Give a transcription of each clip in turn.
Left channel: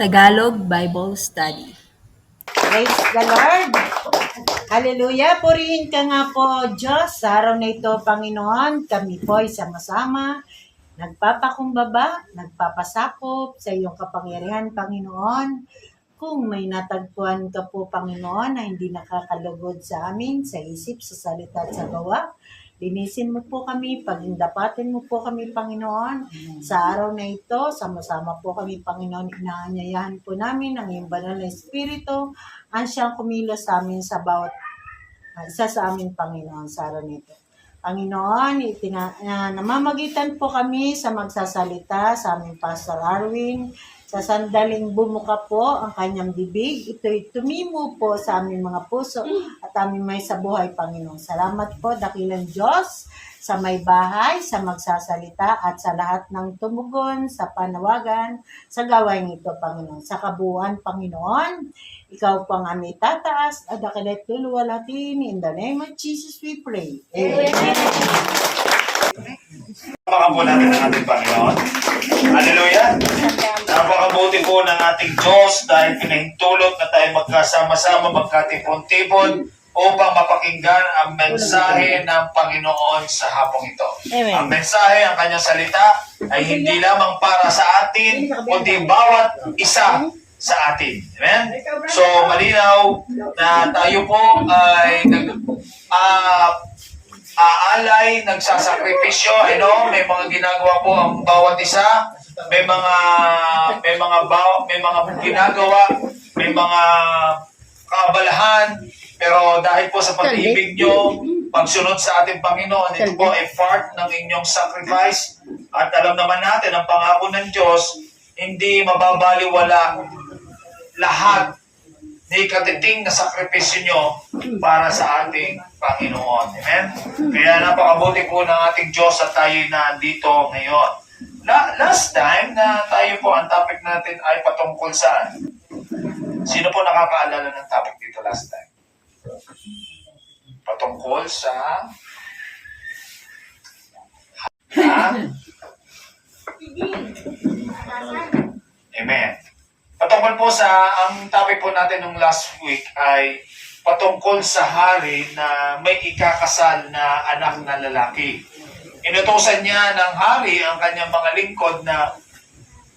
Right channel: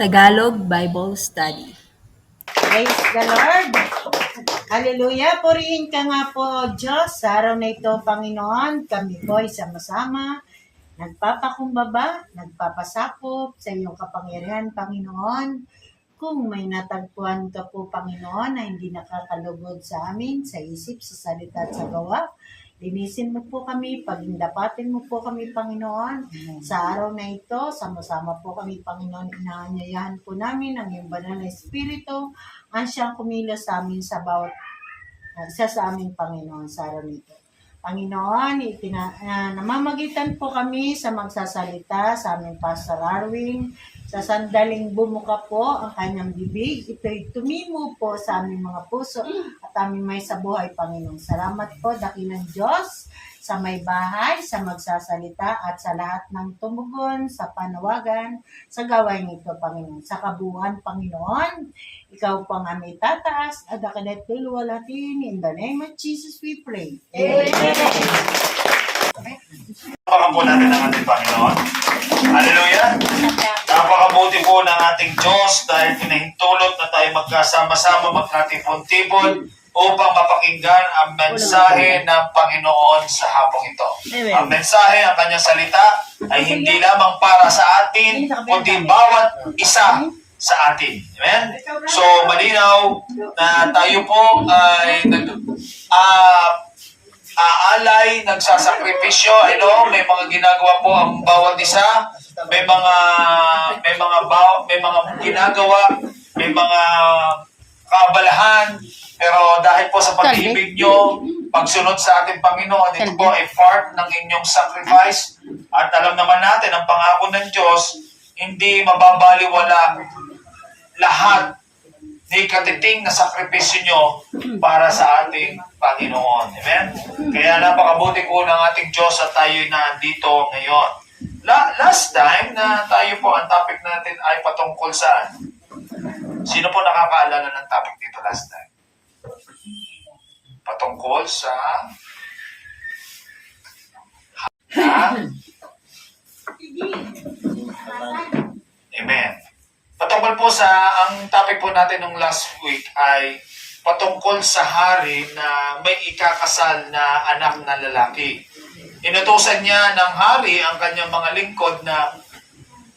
Tagalog Bible Study. Praise the Lord! Hallelujah! Purihin ka nga po, Diyos. Sa araw na ito, Panginoon, kami po ay sama-sama nagpapakumbaba, nagpapasakop sa iyong kapangyarihan, Panginoon. Kung may natagpuan ka po, Panginoon, na hindi nakakalugod sa amin, sa isip, sa salita at sa gawa, linisin mo po kami, pagindapatin mo po kami, Panginoon. Sa araw na ito, sama-sama po kami, Panginoon, inaanyayahan po namin ang iyong banal na Espiritu, ang siyang kumilos sa amin sa bawat isa sa amin, Panginoon, sa araw na ito. Panginoon, namamagitan po kami sa magsasalita sa aming Pastor Arwin. Sa sandaling bumuka po ang kanyang bibig, ito'y tumimo po sa aming mga puso at aming may sa buhay, Panginoon. Salamat po, dakilang Diyos, sa may bahay, sa magsasalita at sa lahat ng tumugon, sa panawagan, sa gawain ito, Panginoon. Sa kabuuan, Panginoon, ikaw po ang aming tataas at dakilat luluwalhatin. In the name of Jesus we pray. Amen. Napaka po natin ang ating Panginoon. Hallelujah! Napakabuti po ng ating Diyos dahil pinahintulot na tayo magkasama-sama, magkatipon-tipon upang mapakinggan ang mensahe ng Panginoon sa hapong ito. Amen. Ang mensahe, ang kanyang salita ay hindi lamang para sa atin, kundi bawat isa sa atin. Amen? So, malinaw na tayo po ay aalay, nagsasakripisyo, may mga ginagawa po ang bawat isa, may mga ginagawa, may mga kaabalahan, pero dahil po sa pag-ibig nyo, pagsunod sa ating Panginoon, ito po ay part ng inyong sacrifice, at alam naman natin, ang pangako ng Diyos, hindi mababaliwala lahat na ikatiting na sakripisyo nyo para sa ating Panginoon. Amen? Kaya napakabuti po ng ating Diyos at tayo'y nandito ngayon. Last time na tayo po, ang topic natin ay patungkol saan? Sino po nakakaalala ng topic dito last time? Patungkol sa... Amen. Patungkol po sa, ang topic po natin nung last week ay patungkol sa hari na may ikakasal na anak na lalaki. Inutusan niya ng hari ang kanyang mga lingkod na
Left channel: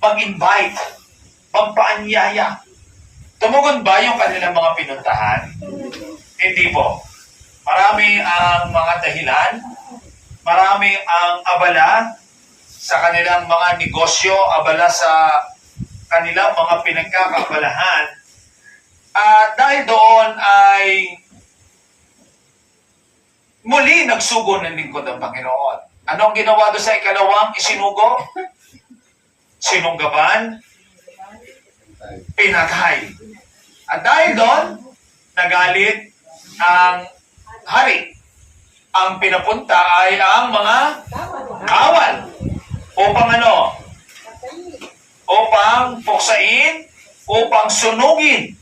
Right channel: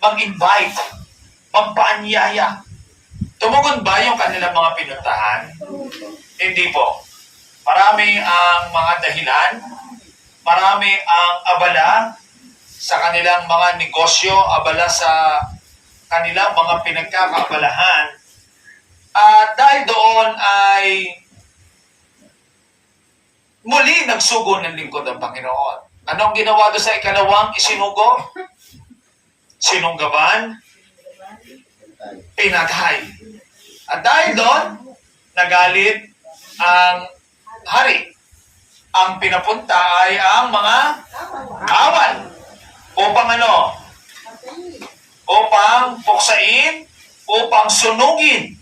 mag-invite, magpaanyaya. Tumugon ba yung kanilang mga pinuntahan? Hindi po. Marami ang mga dahilan, marami ang abala sa kanilang mga negosyo, abala sa kanilang mga pinagkakaabalahan. At dahil doon ay muli nagsugo ng lingkod ang Panginoon. Anong ginawa doon sa ikalawang isinugo? Sinunggaban, pinatay. At dahil doon, nagalit ang hari. Ang pinapunta ay ang mga kawal. Upang ano? Upang puksain, upang sunugin.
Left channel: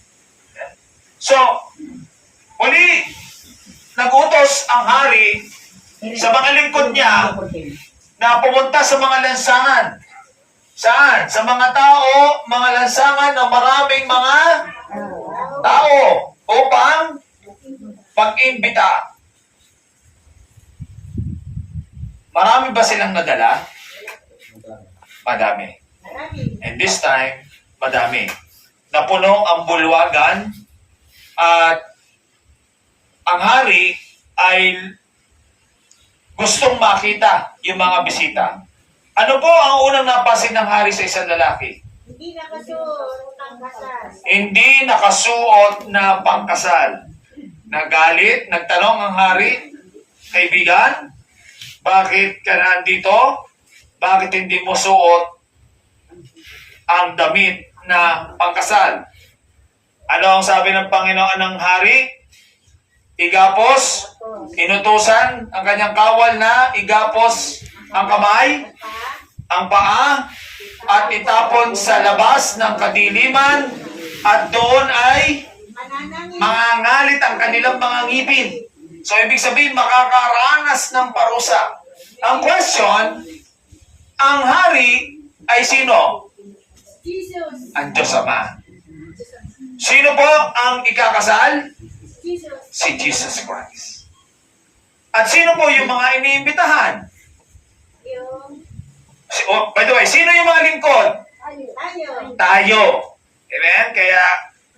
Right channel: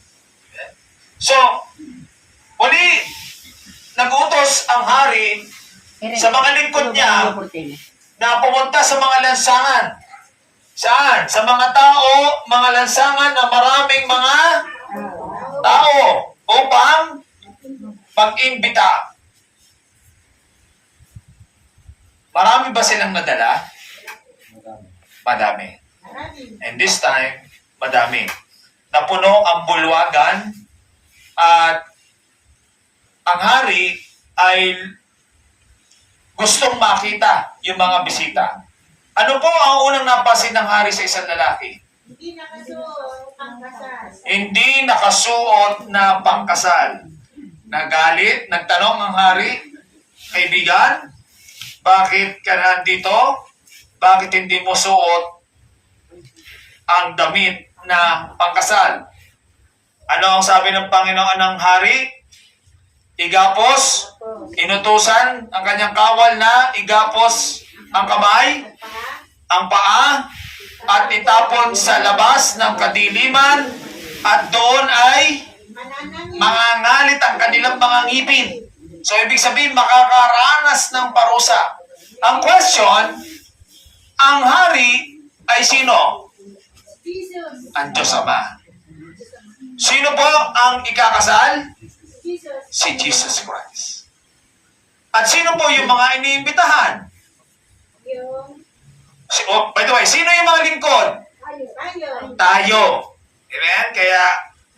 So, muli, nag-utos ang hari sa mga lingkod niya na pumunta sa mga lansangan. Saan? Sa mga tao, mga lansangan na maraming mga tao upang mag-imbita. Marami ba silang nadala? Madami. And this time, madami. Napuno ang bulwagan at ang hari ay gustong makita yung mga bisita. Ano po ang unang napasin ng hari sa isang lalaki? Hindi nakasuot ang kasal. Hindi nakasuot na pangkasal. Nagalit, nagtanong ang hari, kaibigan, bakit ka nandito? Bakit hindi mo suot ang damit na pangkasal? Ano ang sabi ng Panginoon ng hari? Igapos, inutusan ang kanyang kawal na igapos ang kamay, ang paa, at itapon sa labas ng kadiliman, at doon ay mangangalit ang kanilang mga ngipin. So, ibig sabihin, makakaranas ng parusa. Ang question, ang hari ay sino? Ang Diyos Ama. Sino po ang ikakasal? Si Jesus Christ. At sino po yung mga iniimbitahan? By the way, sino yung mga lingkod? Tayo. Amen? Kaya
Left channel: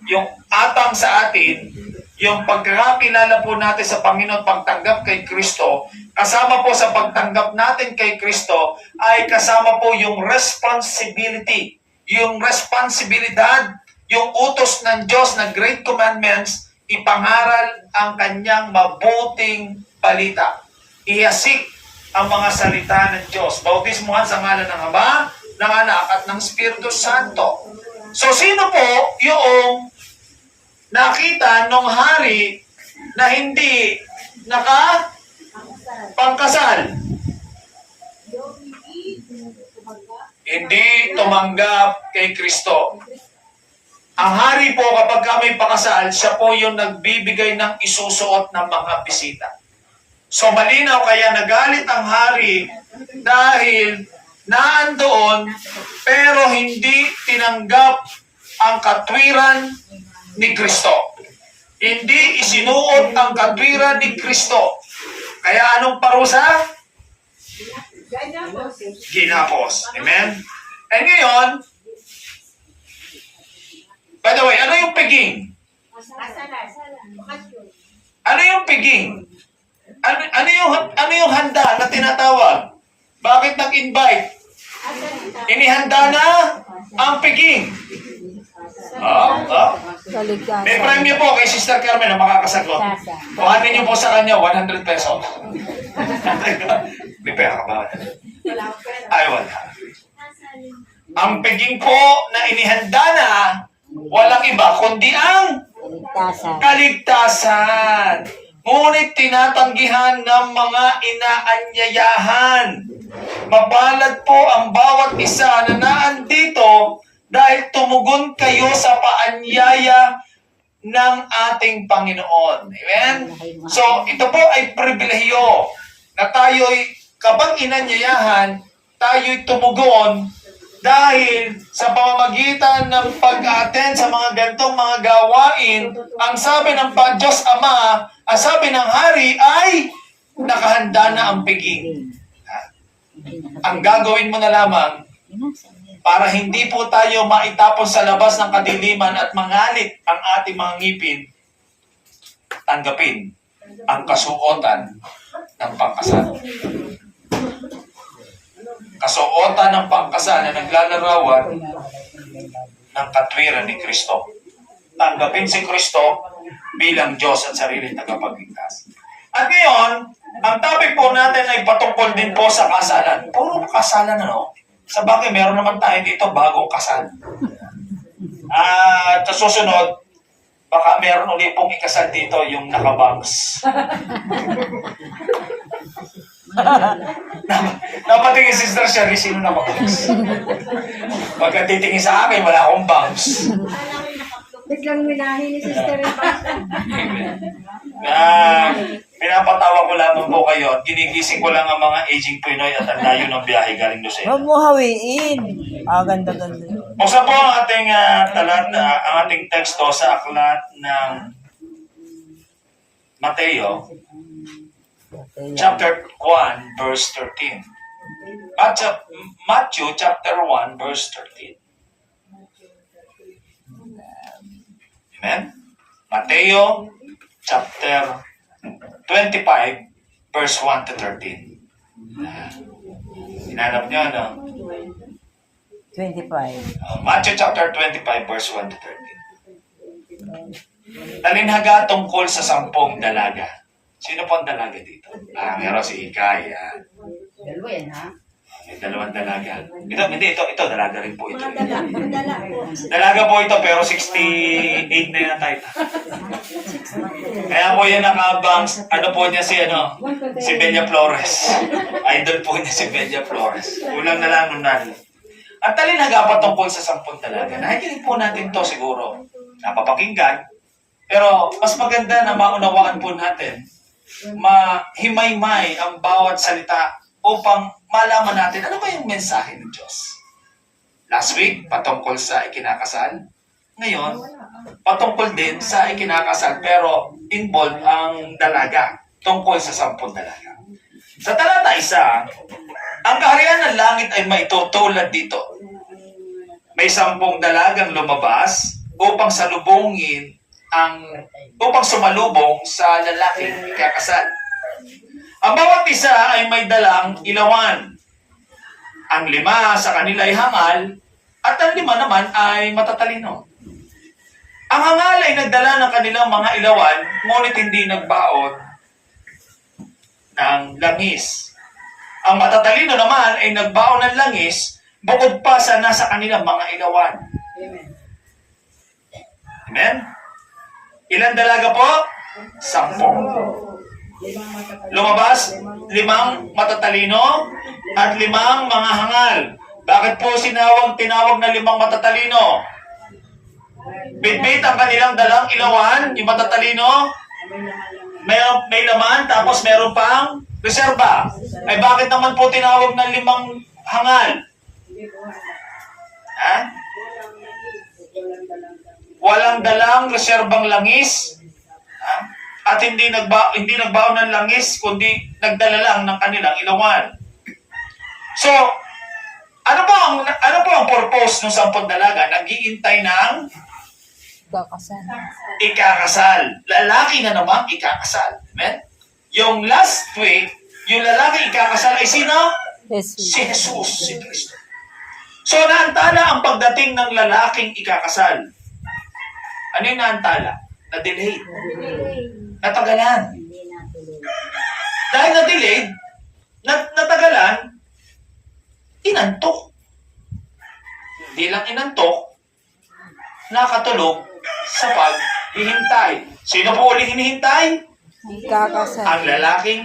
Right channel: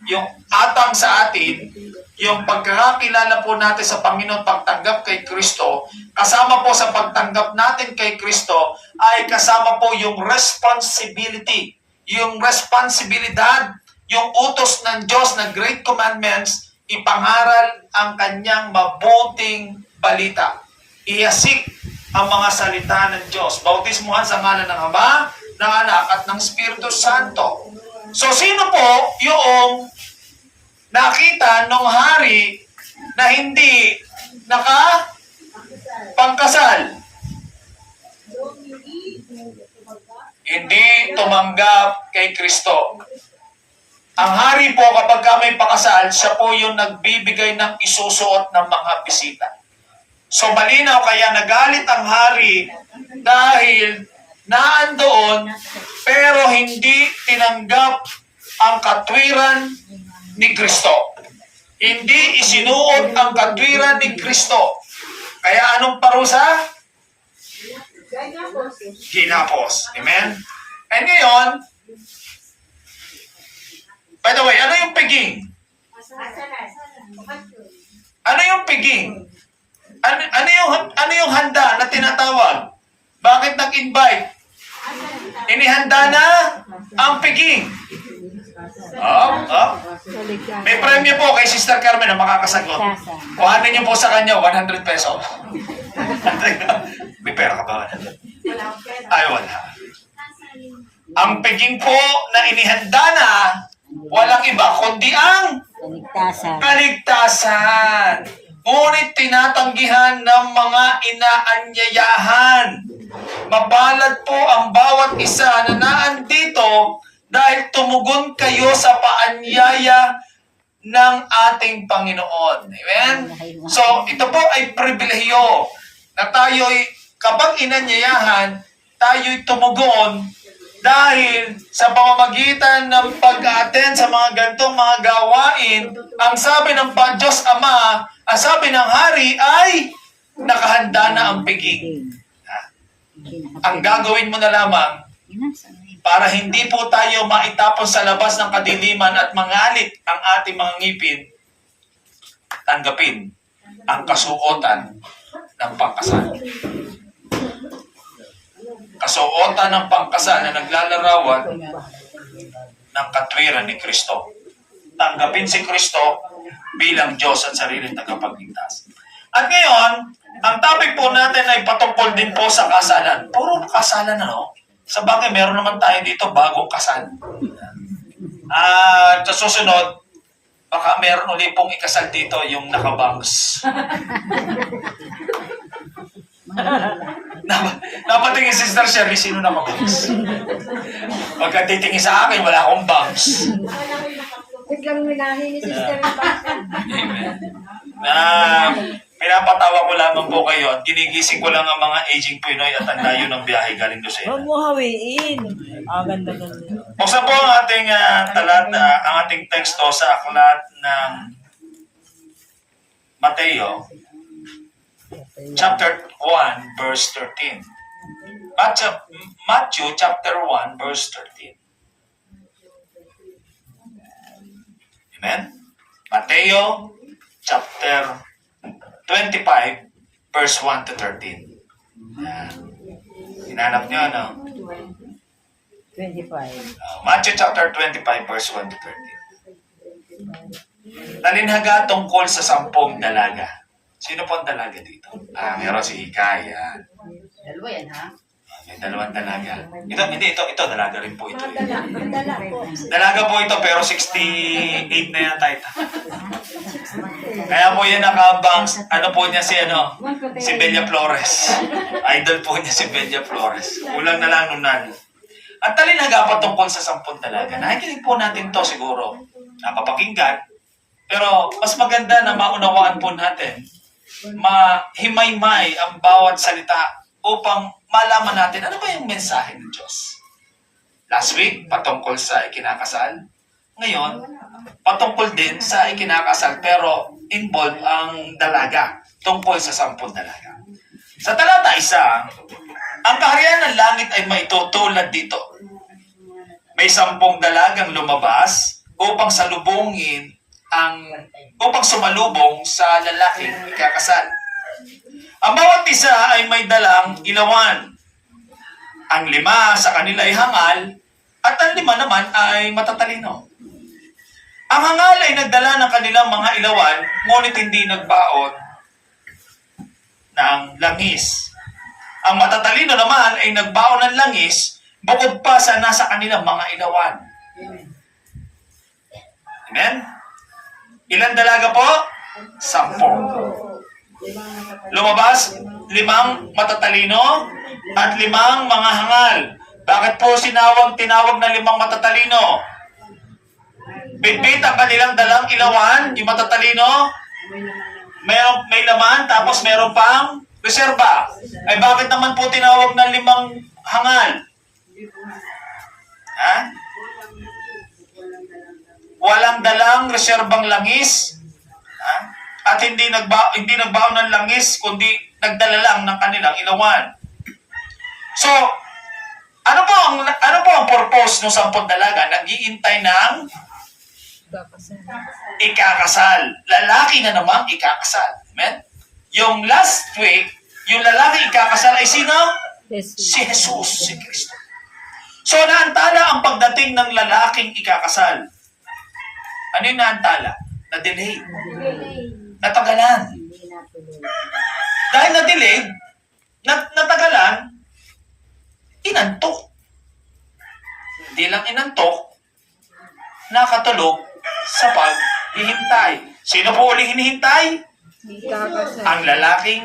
yung atang sa atin, yung pagkakakilala po natin sa Panginoon, pagtanggap kay Kristo, kasama po sa pagtanggap natin kay Kristo, ay kasama po yung responsibility, yung responsibilidad, yung utos ng Diyos na Great Commandments, ipangaral ang kanyang mabuting balita. Iyasik ang mga salita ng Diyos. Bautismuhan sa ngalan ng Ama, ng Anak, at ng Espiritu Santo. So, sino po yung nakita nung hari na hindi nakapangkasal? Hindi tumanggap kay Kristo. Ang hari po, kapag may pakasal, siya po yung nagbibigay ng isusuot ng mga bisita. So malinaw, kaya nagalit ang hari dahil naandoon pero hindi tinanggap ang katwiran ni Kristo. Hindi isinuot ang katwiran ni Kristo. Kaya anong parusa? Ginapos. Amen? And ngayon, by the way, ano yung piging? Ano yung piging? Ano yung handa na tinatawag? Bakit nag-invite? Inihanda na ang piging. May premyo po kay Sister Carmen na makakasagot. Kuhanin niyo po sa kanya 100 pesos. May pera ka ba? Ay, wala. Ang piging po na inihanda na, walang iba kundi ang kaligtasan. Ngunit tinatanggihan ng mga inaanyayahan. Mapalad po ang bawat isa na naandito dahil tumugon kayo sa paanyaya ng ating Panginoon. Amen? So, ito po ay pribilehiyo na tayo'y, kapag inanyayahan, tayo'y tumugon dahil sa pamamagitan ng pag-attend sa mga gantong mga gawain, ang sabi ng Diyos Ama, ang sabi ng Hari ay nakahanda na ang piging. Ang gagawin mo na lamang para hindi po tayo maitapon sa labas ng kadiliman at mangalit ang ating mga ngipin, tanggapin ang kasuotan ng pangkasal. Kasuotan ng pangkasal na naglalarawan ng katwiran ni Kristo. Tanggapin si Kristo bilang Diyos at sariling tagapagligtas. At ngayon, ang topic po natin ay patungkol din po sa kasalan. Puro kasalan ano? Sa bagay, meron naman tayo dito bagong kasal. At sa susunod, baka meron ulit pong ikasal dito yung nakabangs. Napatingin si Sister Sherry, sino nakabangs? Pagka titingin sa akin, wala akong bangs. Biglang minahin ni Sister Amen. Pinapatawa ko lamang po kayo at ginigising ko lang ang mga aging Pinoy at ang layo ng biyahe galing Lucena. Huwag mo hawiin. Ganda-ganda. Buksan po ang ating ang ating teksto sa aklat ng Mateo, chapter 1, verse 13. Matthew, chapter 1, verse 13. Amen? Mateo, chapter 25, verse 1 to 13. Hinanap niyo, ano? 25. Matthew chapter 25, verse 1 to 13. Talinhaga tungkol sa 10 dalaga. Sino po ang dalaga dito? Meron si Hikay. Dalawa yan, ha? May 2 dalaga. Ito, dalaga rin po ito. Dala. Dalaga po ito, pero 68 na yata ito. Kaya po yan nakabangs, ano po niya si Bella Flores. Idol po niya si Bella Flores. Kulang na lang nung nani. At talinhaga patungkol sa 10 dalaga. Nakikinig po natin to siguro. Napapakinggan. Pero mas maganda na maunawaan po natin. Mahimay-may ang bawat salita upang malaman natin ano ba yung mensahe ng Diyos. Last week, patungkol sa ikinakasal. Ngayon, patungkol din sa ikinakasal pero involved ang dalaga tungkol sa 10 dalaga. Sa talata 1, ang kaharian ng langit ay maitutulad dito. May 10 dalagang lumabas upang sumalubong sa lalaking ikakasal. Ang bawat isa ay may dalang ilawan. Ang 5 sa kanila ay hangal at ang 5 naman ay matatalino. Ang hangal ay nagdala ng kanilang mga ilawan, ngunit hindi nagbaon ng langis. Ang matatalino naman ay nagbaon ng langis, bukod pa sa nasa kanilang mga ilawan. Amen? Ilan dalaga po? 10. Lumabas, 5 matatalino at 5 mga hangal. Bakit po tinawag na 5 matatalino? Bitbit ang kanilang dalang ilawan, yung matatalino, may laman, tapos meron pang reserba. Eh bakit naman po tinawag na 5 hangal? Ha? Walang dalang reserbang langis. Ha? At hindi nagbaon ng langis, kundi nagdala lang ng kanilang ilawan. So, ano po ang purpose ng 10 dalaga? Nag-iintay ng Kakasal. ikakasal. Lalaki na namang ikakasal. Amen? Yung last week, yung lalaki ikakasal ay sino? Jesus. Si Jesus, si Kristo. So, naantala ang pagdating ng lalaking ikakasal. Ano yung naantala? Na-delay. Natagalan. Dahil na-delay, natagalan, inantok. Hindi lang inantok, nakatulog sa paghihintay. Sino po uling hinihintay? Kakasal. Ang lalaking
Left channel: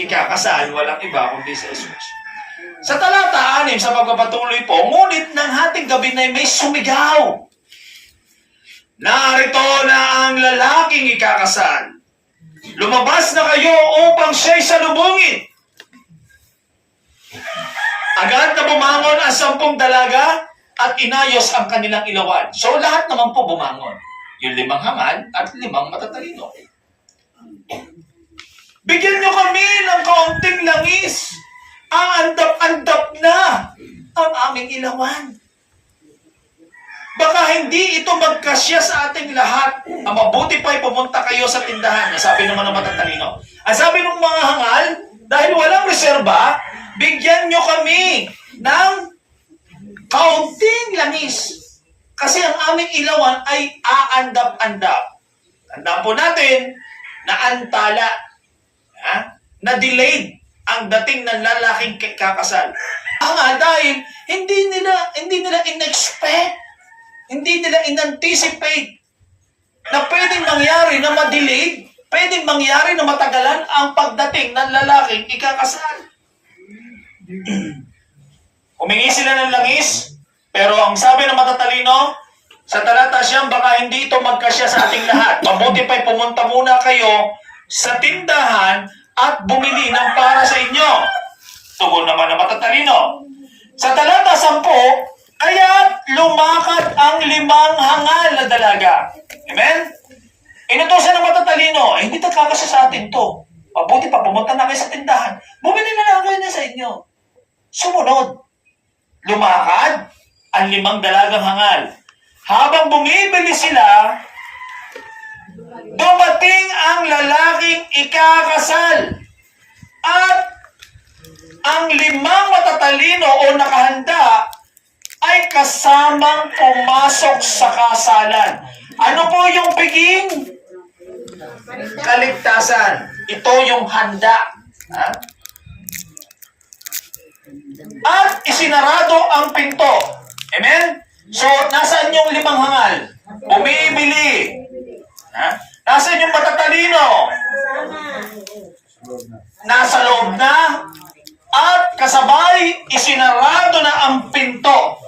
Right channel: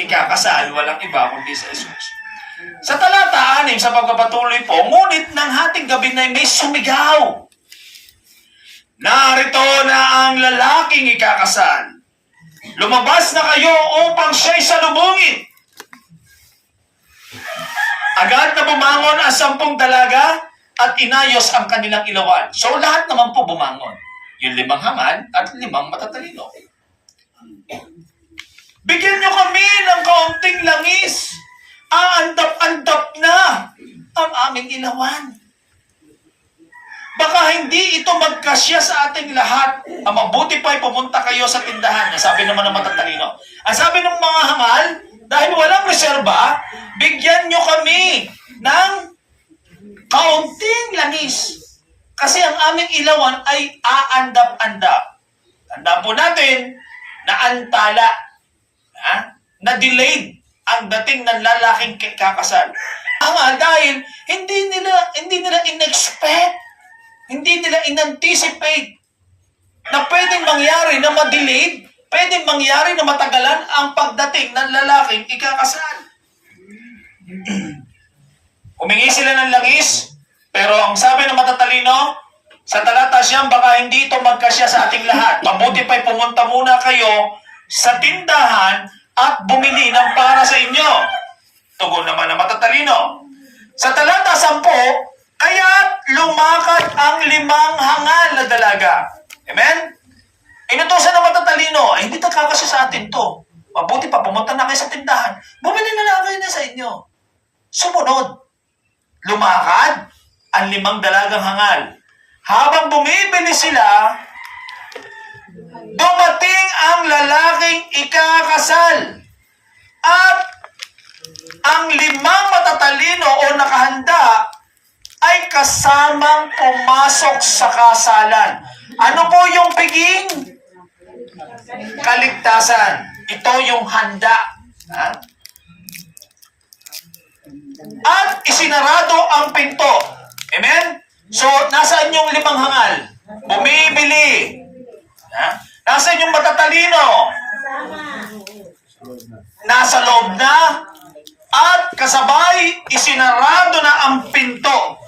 ikakasal, walang iba kundi sa Jesus. Sa talata 6, sa pagpapatuloy po, ngunit ng hating gabi na may sumigaw. Narito na ang lalaking ikakasal. Lumabas na kayo upang siya'y salubungin. Agad na bumangon ang 10 dalaga at inayos ang kanilang ilawan. So lahat naman po bumangon. Yung 5 hangal at 5 matatalino. Bigyan nyo kami ng kaunting langis. Ang andap-andap na ang aming ilawan. Baka hindi ito magkasya sa ating lahat. Ang mabuti pa'y pumunta kayo sa tindahan. Sabi naman ng matatalino. Ang sabi ng mga hangal, dahil walang reserba, bigyan nyo kami ng kaunting langis. Kasi ang aming ilawan ay aandap-andap. Tandaan po natin na antala, na delayed ang dating ng lalaking kakasal. Dahil hindi nila in-expect, hindi nila in-anticipate na pwedeng mangyari na ma-delayed, pwedeng mangyari na matagalan ang pagdating ng lalaking ikakasal. Humingi sila ng langis, pero ang sabi ng matatalino, sa talata 9, baka hindi ito magkasya sa ating lahat. Mabuti pa'y pumunta muna kayo sa tindahan at bumili ng para sa inyo. Tugon naman ng matatalino. Sa talata 10, kaya't lumakad ang 5 hangal na dalaga. Amen? Inutusan ng matatalino, hindi kakasya sa atin to. Mabuti pa, pumunta na kayo sa tindahan. Bumili na lang kayo na sa inyo. Sumunod. Lumakad ang 5 dalagang hangal. Habang bumibili sila, dumating ang lalaking ikakasal. At ang 5 matatalino o nakahanda ay kasamang pumasok sa kasalan. Ano po yung piging? Kaligtasan. Ito yung handa. At isinarado ang pinto. Amen? So, nasaan yung 5 hangal? Bumibili. Nasaan yung matatalino? Nasa loob na. At kasabay, isinarado na ang pinto.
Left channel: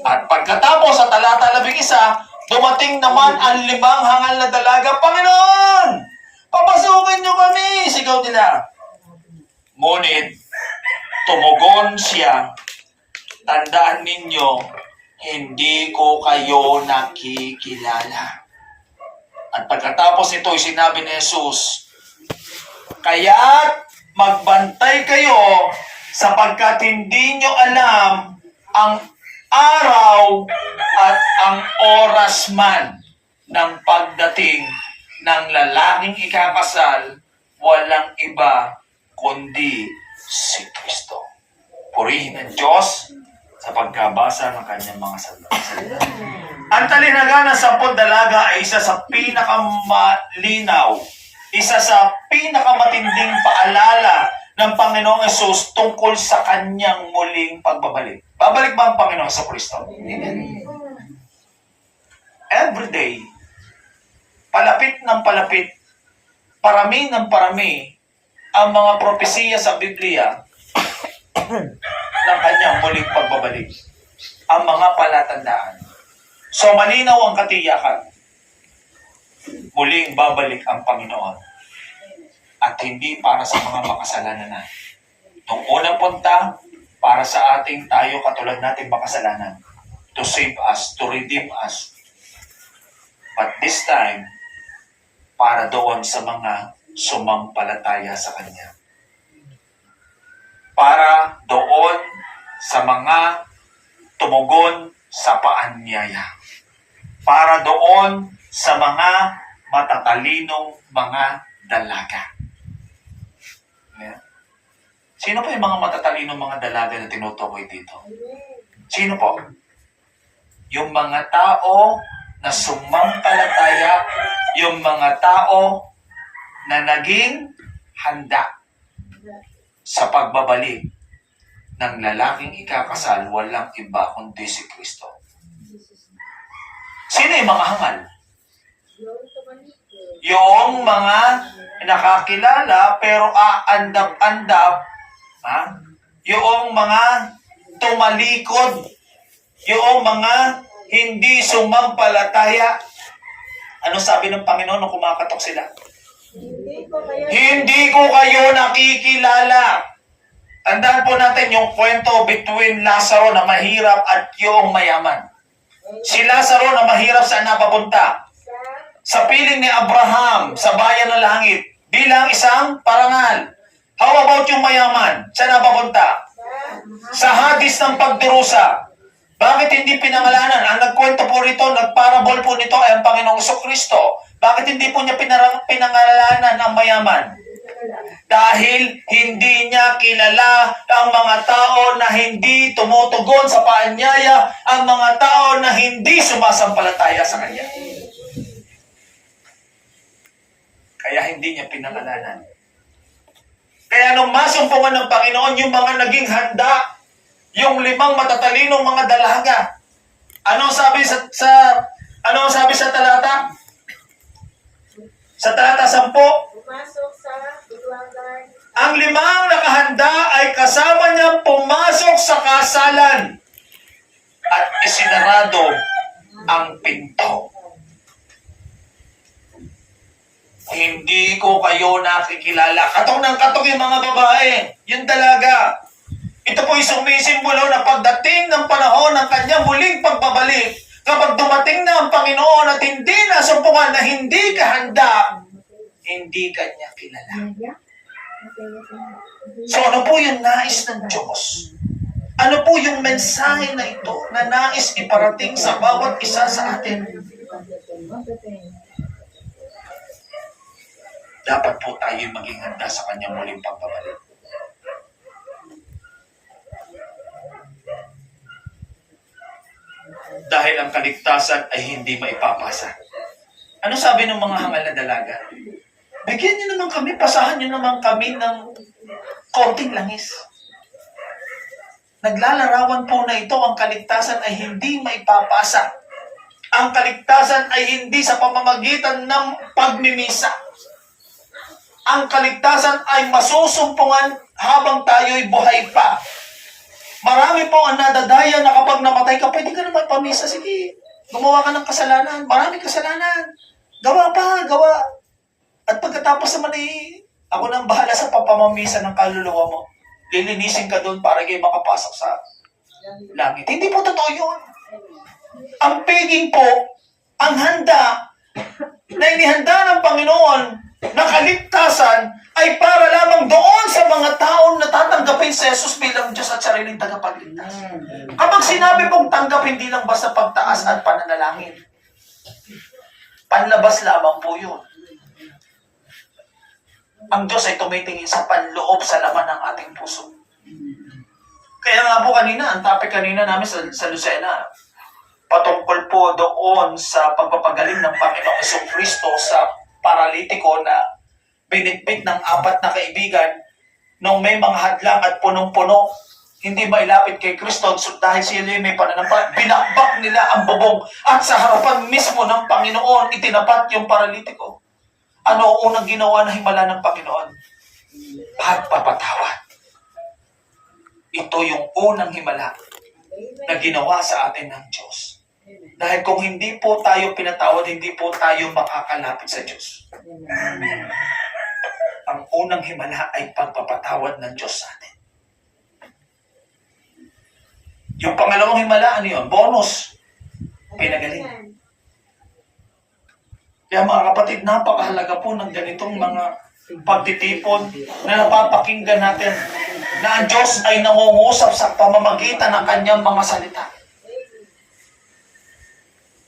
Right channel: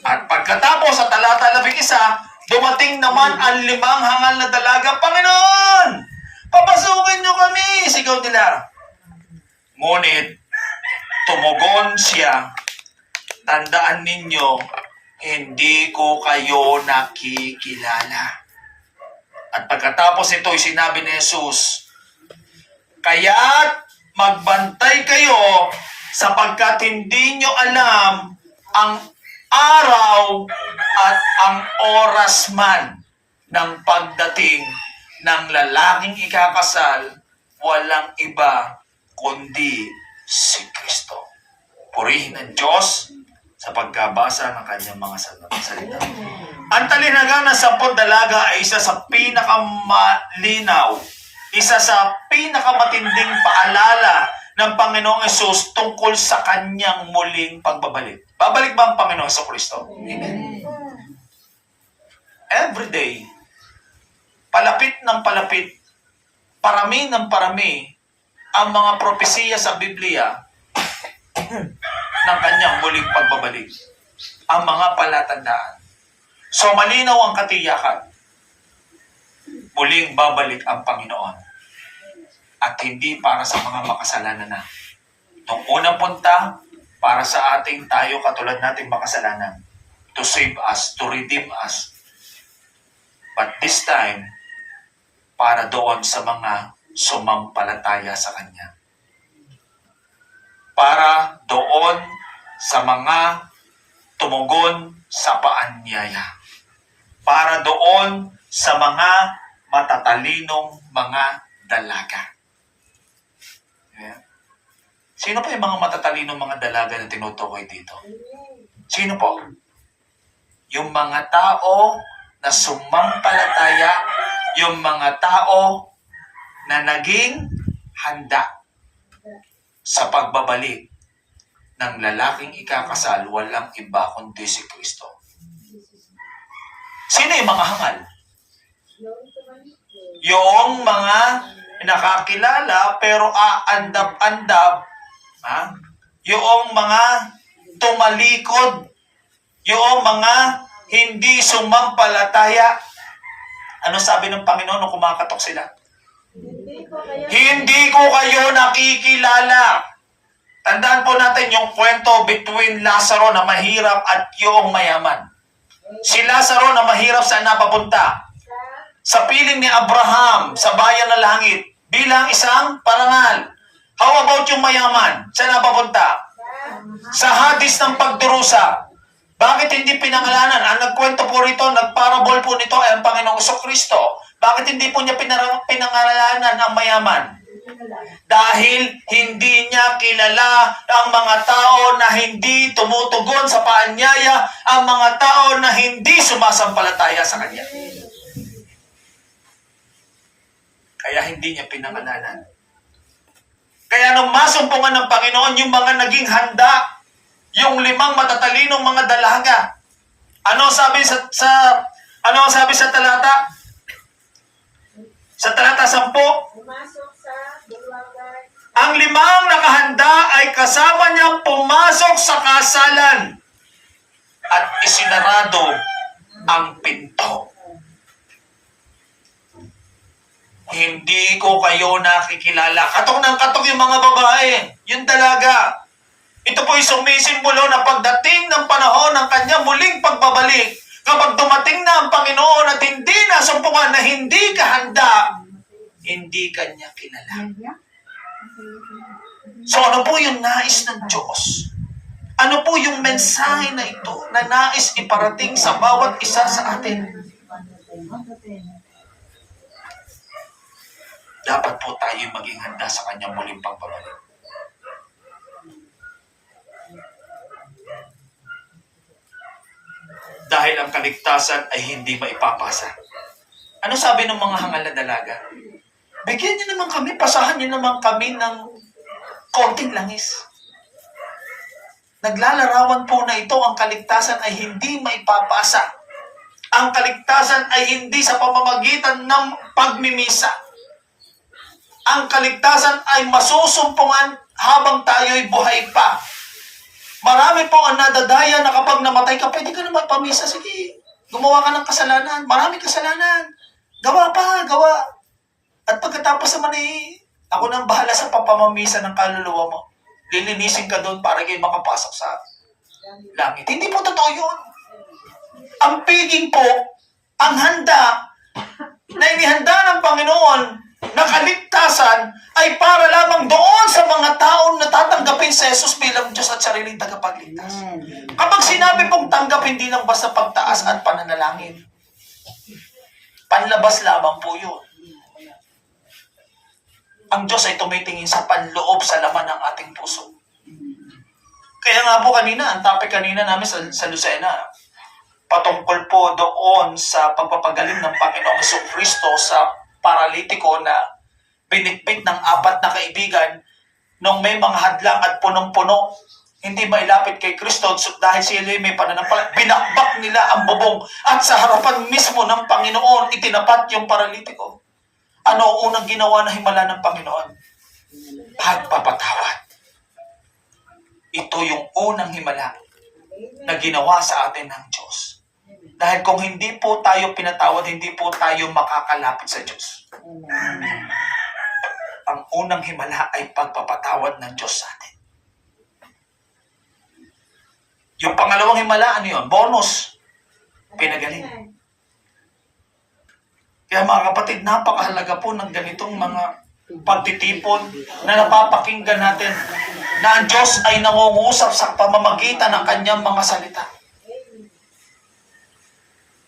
At pagkatapos sa talata 11, dumating naman ang 5 hangal na dalaga. Panginoon! Papasukin niyo kami! Sigaw nila. Ngunit, tumugon siya, tandaan ninyo, hindi ko kayo nakikilala. At pagkatapos ito, sinabi ni Jesus, kaya't magbantay kayo sapagkat hindi nyo alam ang araw at ang oras man ng pagdating ng lalaking ikakasal, walang iba kundi si Kristo. Purihin ang Diyos sa pagkabasa ng kanyang mga salita. Ang talinaga ng 10 dalaga ay isa sa pinakamalinaw, isa sa pinakamatinding paalala ng Panginoong Hesus tungkol sa kanyang muling pagbabalik. Babalik ba ang Panginoong Jesucristo? Amen. Every day, palapit ng palapit, parami ng parami, ang mga propesiya sa Biblia ng kanyang muling pagbabalik. Ang mga palatandaan. So malinaw ang katiyakan. Muling babalik ang Panginoon. At hindi para sa mga makasalanan na. Nung unang punta, para sa ating tayo katulad nating makasalanan. To save us, to redeem us. But this time, para doon sa mga sumampalataya sa Kanya. Para doon sa mga tumugon sa paanyaya. Para doon sa mga matatalinong mga dalaga. Yeah. Sino po yung mga matatalinong mga dalaga na tinutukoy dito? Sino po? Yung mga tao na sumampalataya, yung mga tao na naging handa sa pagbabalik ng lalaking ikakasal, walang iba kundi si Kristo. Sino yung mga hangal? Yung mga nakakilala pero aandap-andap, yung mga tumalikod, yung mga hindi sumampalataya. Ano sabi ng Panginoon nung kumakatok sila? Hindi ko kayo nakikilala. Tandaan po natin yung kwento between Lazaro na mahirap at yung mayaman. Si Lazaro na mahirap, saan napapunta? Sa piling ni Abraham, sa bayan ng langit, bilang isang parangal. How about yung mayaman? Saan napapunta? Sa hadis ng pagdurusa. Bakit hindi pinangalanan? Ang nagkwento po rito, nagparabol po nito ay ang Panginoong Jesucristo. Bakit hindi po niya pinangalanan ang mayaman? Dahil hindi niya kilala ang mga tao na hindi tumutugon sa paanyaya, ang mga tao na hindi sumasampalataya sa Kanya. Kaya hindi niya pinangalanan. Kaya nung masumpungan ng Panginoon yung mga naging handa, yung 5 matatalinong mga dalaga. Ano sabi sa talata? Sa talata 10, Pumasok sa bulwagan. ang 5 nakahanda ay kasama niyang pumasok sa kasalan at isinarado ang pinto. Hindi ko kayo nakikilala. Katok ng katok yung mga babae, yung dalaga. Ito po ay sumisimbolo na pagdating ng panahon ng kanyang muling pagbabalik. Kapag dumating na ang Panginoon at hindi nasumpungan na hindi ka handa, hindi kanya kilala. So ano po yung nais ng Diyos? Ano po yung mensahe na ito na nais iparating sa bawat isa sa atin? Dapat po tayo maging handa sa kanyang muling pagbabalik. Dahil ang kaligtasan ay hindi maipapasa. Ano sabi ng mga hangal na dalaga? Bigyan niyo naman kami, pasahan niyo naman kami ng konting langis. Naglalarawan po na ito, ang kaligtasan ay hindi maipapasa. Ang kaligtasan ay hindi sa pamamagitan ng pagmimisa. Ang kaligtasan ay masusumpungan habang tayo'y buhay pa. Marami po ang nadadaya na kapag namatay ka, pwede ka naman pamisa. Sige, gumawa ka ng kasalanan. Maraming kasalanan. Gawa pa, gawa. At pagkatapos naman ako nang bahala sa papamamisa ng kaluluwa mo. Lilinisin ka doon para kayo makapasok sa langit. Hindi po totoo yun. Ang piging po, ang handa na inihanda ng Panginoon na kaligtasan ay para lamang doon sa mga taong natatanggapin sa Jesus bilang Diyos at sariling tagapagligtas. Kapag sinabi pong tanggap, hindi lang basta pagtaas at pananalangin. Panlabas lamang po yun. Ang Diyos ay tumitingin sa panloob sa laman ng ating puso. Kaya nga po kanina, ang topic kanina namin sa Lucena, patungkol po doon sa pagpapagaling ng Panginoong Jesucristo sa paralitiko na binitbit ng 4 na kaibigan nung may mga hadlang at punong-puno, hindi mailapit kay Kristo dahil sila may pananampalataya. Binakbak nila ang bubong at sa harapan mismo ng Panginoon, itinapat yung paralitiko. Ano ang unang ginawa na himala ng Panginoon? Pagpapatawad. Ito yung unang himala na ginawa sa atin ng Diyos. Dahil kung hindi po tayo pinatawad, hindi po tayo makakalapit sa Diyos. Ang unang himala ay pagpapatawad ng Diyos sa atin. Yung pangalawang himala, ano yun? Bonus. Pinagaling. Kaya mga kapatid, napakahalaga po ng ganitong mga pagtitipon na napapakinggan natin na ang Diyos ay nangungusap sa pamamagitan ng kanyang mga salita.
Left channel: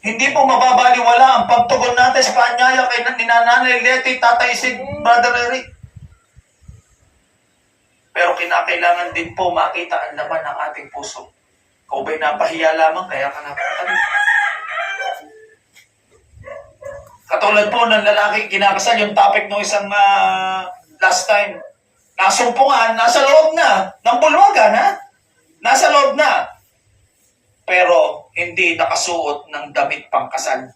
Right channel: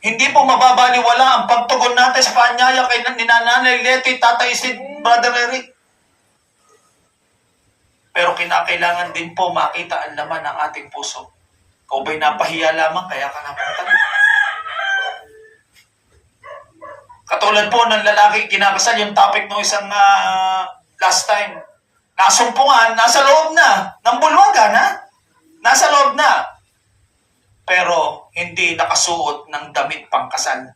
Hindi po mababaliwala ang pagtugon natin sa paanyaya kay Nanay Leti, Tatay Sid, Brother Eric. Pero kinakailangan din po makita ang laman ng ating puso. Kung ba'y napahiya lamang, kaya ka napatalik. Katulad po ng lalaki kinakasal, yung topic no isang last time. Nasumpungan, nasa loob na. Ng bulwagan, ha? Nasa loob na. Pero hindi nakasuot ng damit pangkasal,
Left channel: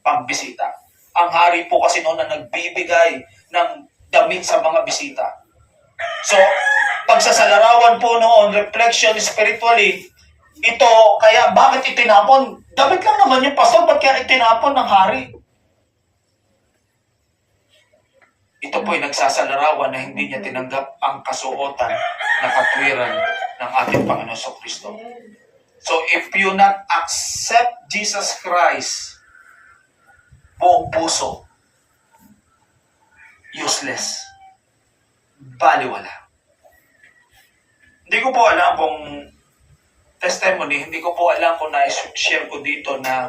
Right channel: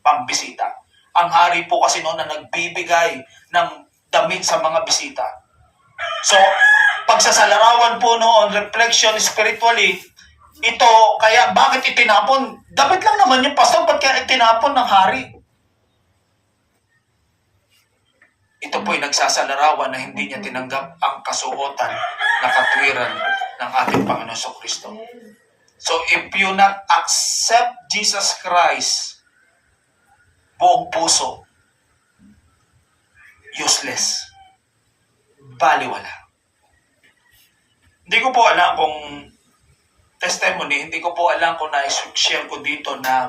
pambisita. Ang hari po kasi noon na nagbibigay ng damit sa mga bisita. So, pagsasalarawan po noon, reflection spiritually, ito, kaya bakit itinapon? Damit lang naman yung pastor, ba't kaya itinapon ng hari? Ito po'y nagsasalarawan na hindi niya tinanggap ang kasuotan na katwiran ng ating Panginoon Jesucristo. So if you not accept Jesus Christ, buong puso, useless, baliwala. Hindi ko po alam kung testimony, hindi ko po alam kung na-share ko dito na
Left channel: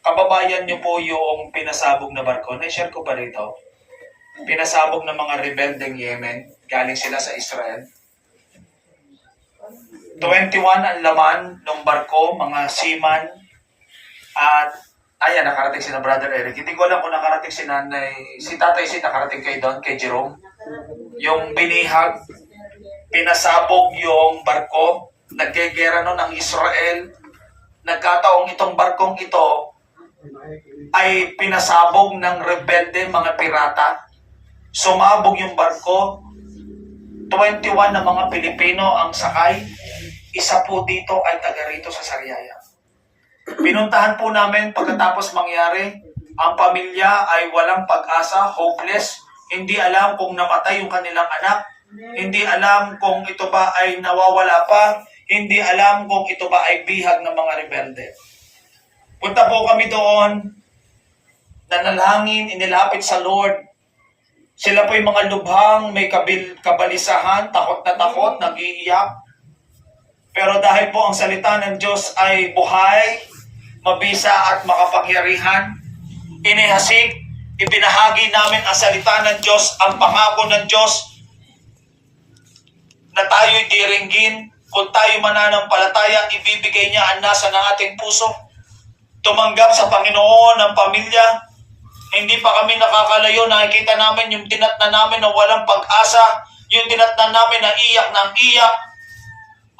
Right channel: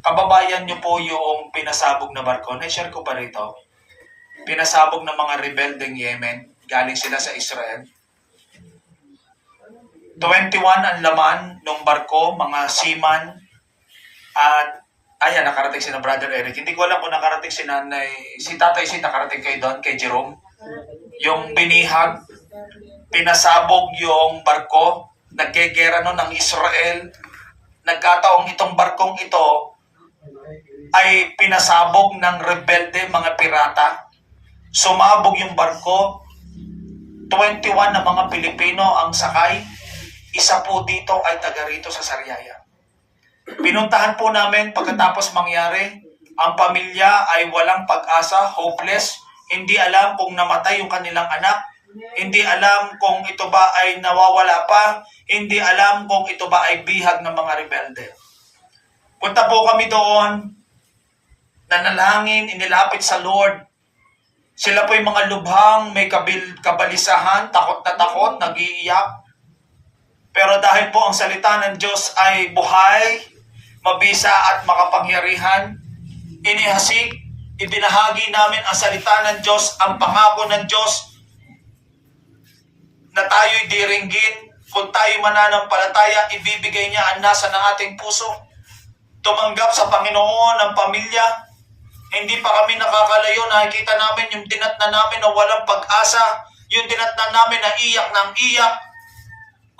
kababayan niyo po yung pinasabog na barko. Na-share ko pa rito. Pinasabog ng mga rebeldeng Yemen, galing sila sa Israel. 21 ang laman ng barko, mga seaman, at ayan, nakarating si na Brother Eric. Hindi ko alam kung nakarating si Nanay, si Tatay Sid, nakarating kayo doon, kay Jerome. Yung binihag, pinasabog yung barko, nagkegera nun ng Israel. Nagkataong itong barkong ito ay pinasabog ng rebelde, mga pirata. Sumabog yung barko, 21 na mga Pilipino ang sakay. Isa po dito ay taga rito sa Sariaya. Pinuntahan po namin pagkatapos mangyari, ang pamilya ay walang pag-asa, hopeless, hindi alam kung namatay yung kanilang anak, hindi alam kung ito ba ay nawawala pa, hindi alam kung ito ba ay bihag ng mga rebelde. Punta po kami doon, nanalangin, inilapit sa Lord. Sila po yung mga lubhang, may kabalisahan, takot na takot, nag-iiyak. Pero dahil po ang salita ng Diyos ay buhay, mabisa at makapangyarihan, inihasik, ibinahagi namin ang salita ng Diyos, ang pangako ng Diyos, na tayo'y diringgin. Kung tayo mananampalataya, ibibigay niya ang nasa ng ating puso. Tumanggap sa Panginoon ng pamilya. Hindi pa kami nakakalayo, nakikita namin yung tinatnan namin na walang pag-asa, yung tinatnan namin na iyak ng iyak.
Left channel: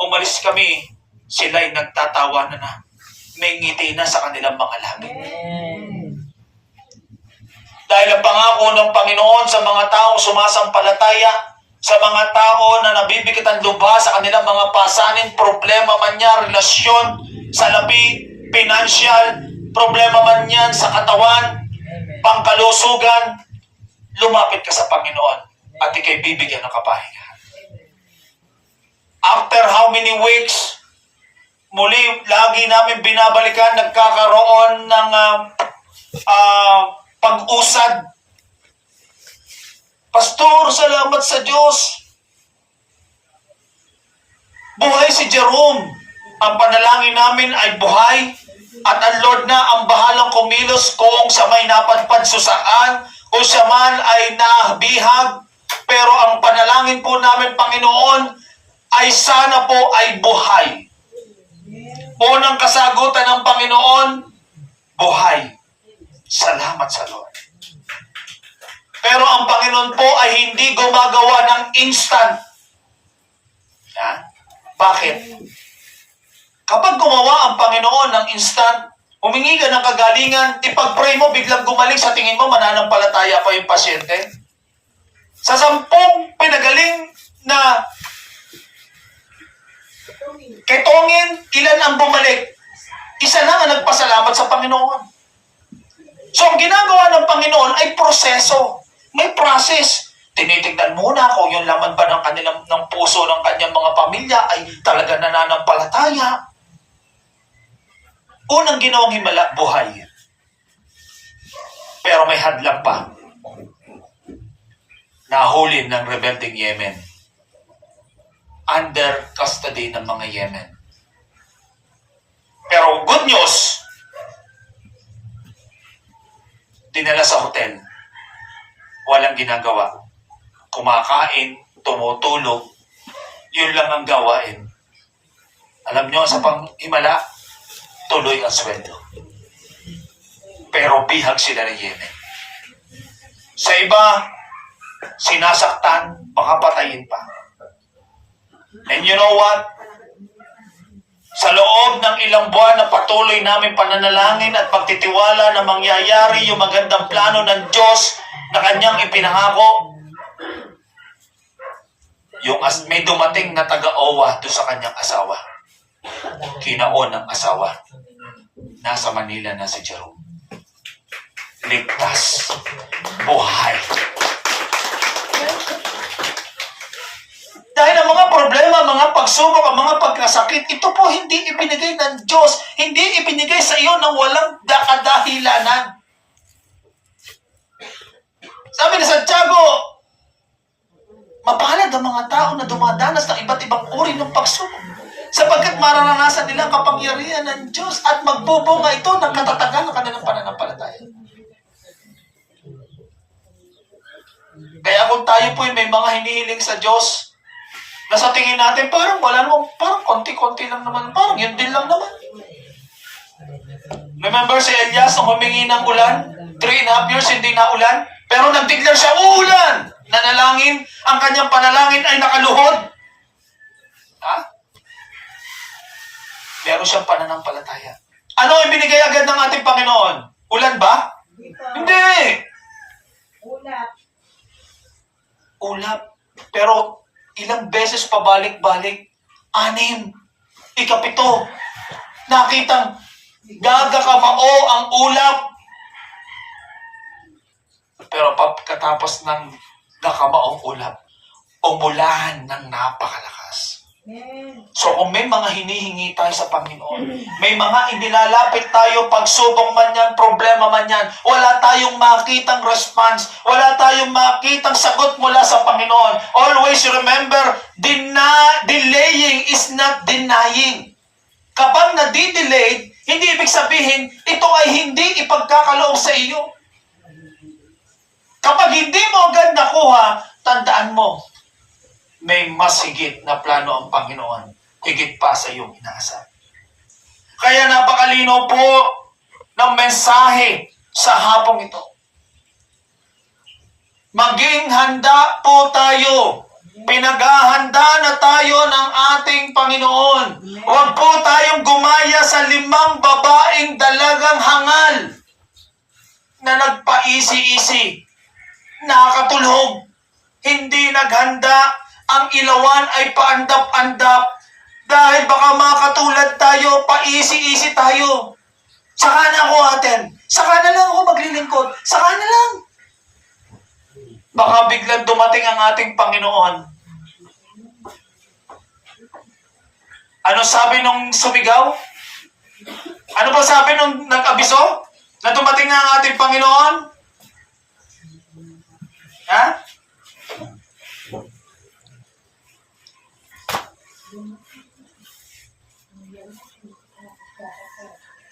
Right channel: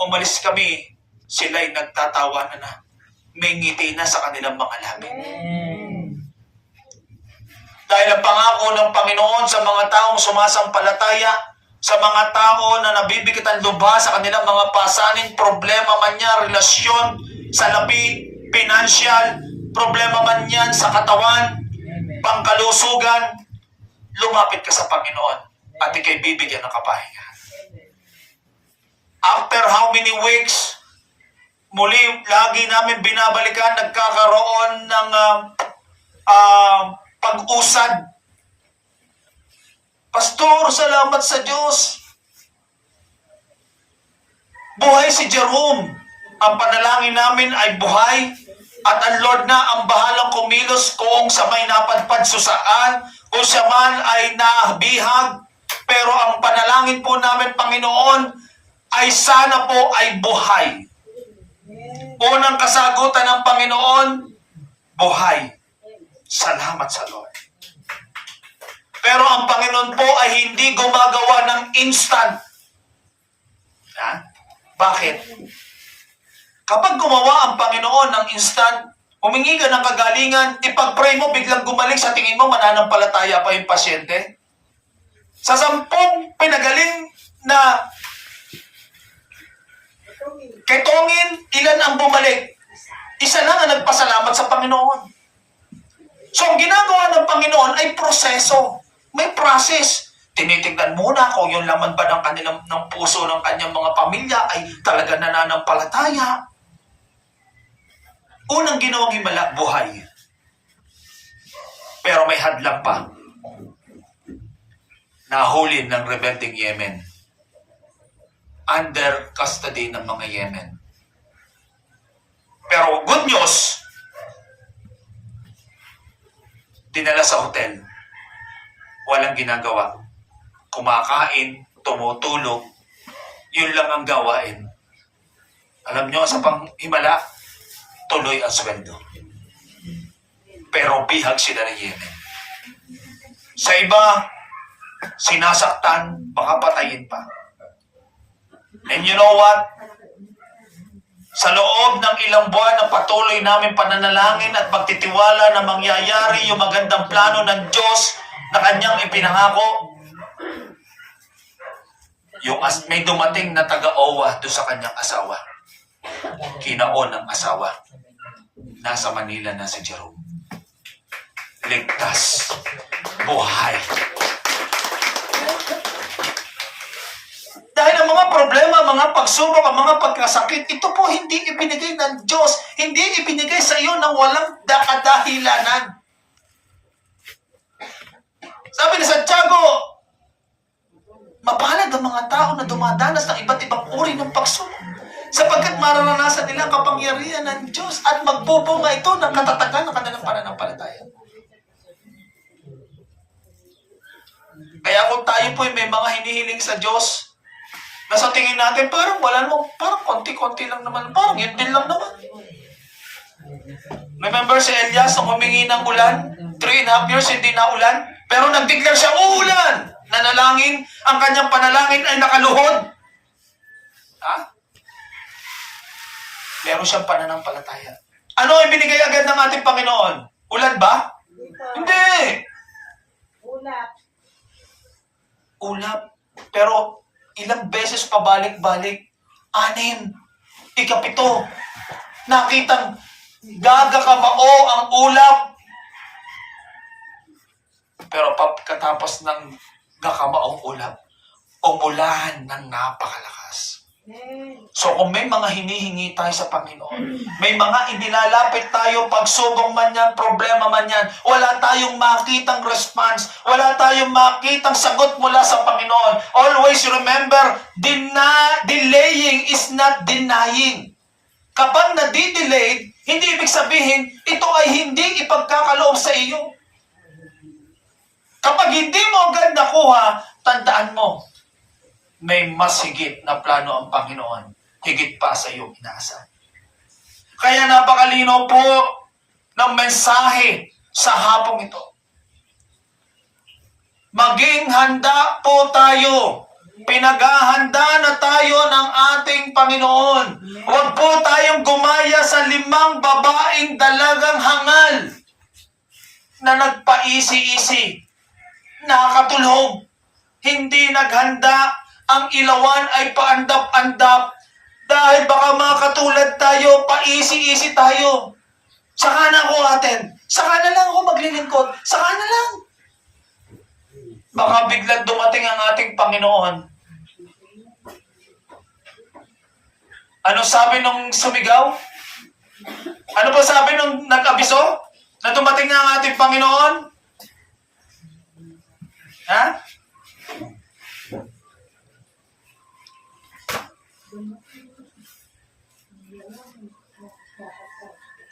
Umalis kami, sila'y nagtatawa na may ngiti na sa kanilang mga labi. Dahil ang pangako ng Panginoon sa mga taong sumasampalataya, sa mga tao na nabibigit ang lubha sa kanilang mga pasanin, problema man yan, relasyon, salapi, financial, problema man yan sa katawan, pangkalusugan, lumapit ka sa Panginoon at ikay bibigyan ng kapahingahan. After how many weeks, muli, lagi namin binabalikan, nagkakaroon ng pag-usad. Pastor, salamat sa Diyos. Buhay si Jerome. Ang panalangin namin ay buhay. At ang Lord na ang bahalang kumilos kung sa may napadpad susaan, kung siya man ay nabihag. Pero ang panalangin po namin, Panginoon, ay sana po ay buhay. Unang kasagutan ng Panginoon, buhay. Salamat sa Lord. Pero ang Panginoon po ay hindi gumagawa ng instant. Ha? Bakit? Kapag gumawa ang Panginoon ng instant, humingi ka ng kagalingan, ipag-pray mo, biglang gumaling, sa tingin mo, mananampalataya pa yung pasyente. Sa 10 pinagaling na kay Tongin, ilan ang bumalik? Isa lang ang nagpasalamat sa Panginoon. So, ang ginagawa ng Panginoon ay proseso. May process. Tinitignan muna kung yung laman ba ng puso ng kanyang mga pamilya ay talaga nananampalataya. Unang ginawang himala, buhay. Pero may hadlang pa. Nahuli ng rebelding Yemen. Under custody ng mga Yemen. Pero good news, dinala sa hotel. Walang ginagawa. Kumakain, tumutulog. Yun lang ang gawain. Alam nyo, sa panghimala, tuloy ang sweldo. Pero bihag sila ng Yemen. Sa iba, sinasaktan, baka patayin pa. And you know what? Sa loob ng ilang buwan na patuloy namin pananalangin at pagtitiwala na mangyayari yung magandang plano ng Diyos na kanyang ipinangako, may dumating na taga-owa doon sa kanyang asawa. Kinaon ng asawa. Nasa Manila na si Jerome. Ligtas. Buhay. Dahil ang mga problema, mga pagsubok, ang mga pagkasakit, ito po hindi ibinigay ng Diyos. Hindi ibinigay sa iyo ng walang kadahilanan. Sabi ni Santiago, mapalad ang mga tao na dumadanas ng iba't ibang uri ng pagsubok, sapagkat mararanasan nila ang kapangyarihan ng Diyos at magbubunga ito ng katatagan ng kanilang pananampalataya. Kaya kung tayo po may mga hinihiling sa Diyos, na sa tingin natin, parang wala naman, parang konti-konti lang naman, parang yun din lang naman. Remember si Elias nung humingi ng ulan? 3.5 years hindi na ulan, pero nag-declare siya, uulan! Nanalangin, ang kanyang panalangin ay nakaluhod. Ha? Meron siyang pananampalataya. Ano ang binigay agad ng ating Panginoon? Ulan ba? Hindi! Ulap. Ulap. Pero ilang beses pabalik-balik? 6. 7. Nakitang gagakabao ang ulap. Pero pagkatapos ng gakabaong ulap, umulan ng napakalakas. So kung may mga hinihingi tayo sa Panginoon, may mga inilalapit tayo, pagsubong man yan, problema man yan, wala tayong makitang response, wala tayong makitang sagot mula sa Panginoon. Always remember, delaying is not denying. Kapag nadidelayed, hindi ibig sabihin, ito ay hindi ipagkakaloob sa iyo. Kapag hindi mo agad nakuha, tandaan mo, may mas higit na plano ang Panginoon, higit pa sa iyong inaasahan. Kaya napakalino po ng mensahe sa hapong ito. Maging handa po tayo. Pinaghahanda na tayo ng ating Panginoon. Huwag po tayong gumaya sa 5 babaeng dalagang hangal na nagpaisi-isi, nakakatulog, hindi naghanda, ang ilawan ay paandap-andap dahil baka makatulad tayo, paisi-isi tayo. Saka na ako atin. Saka na lang ako maglilingkod. Saka na lang. Baka biglang dumating ang ating Panginoon. Ano sabi nung sumigaw? Ano ba sabi nung nag-abiso? Na dumating na ang ating Panginoon? Ha?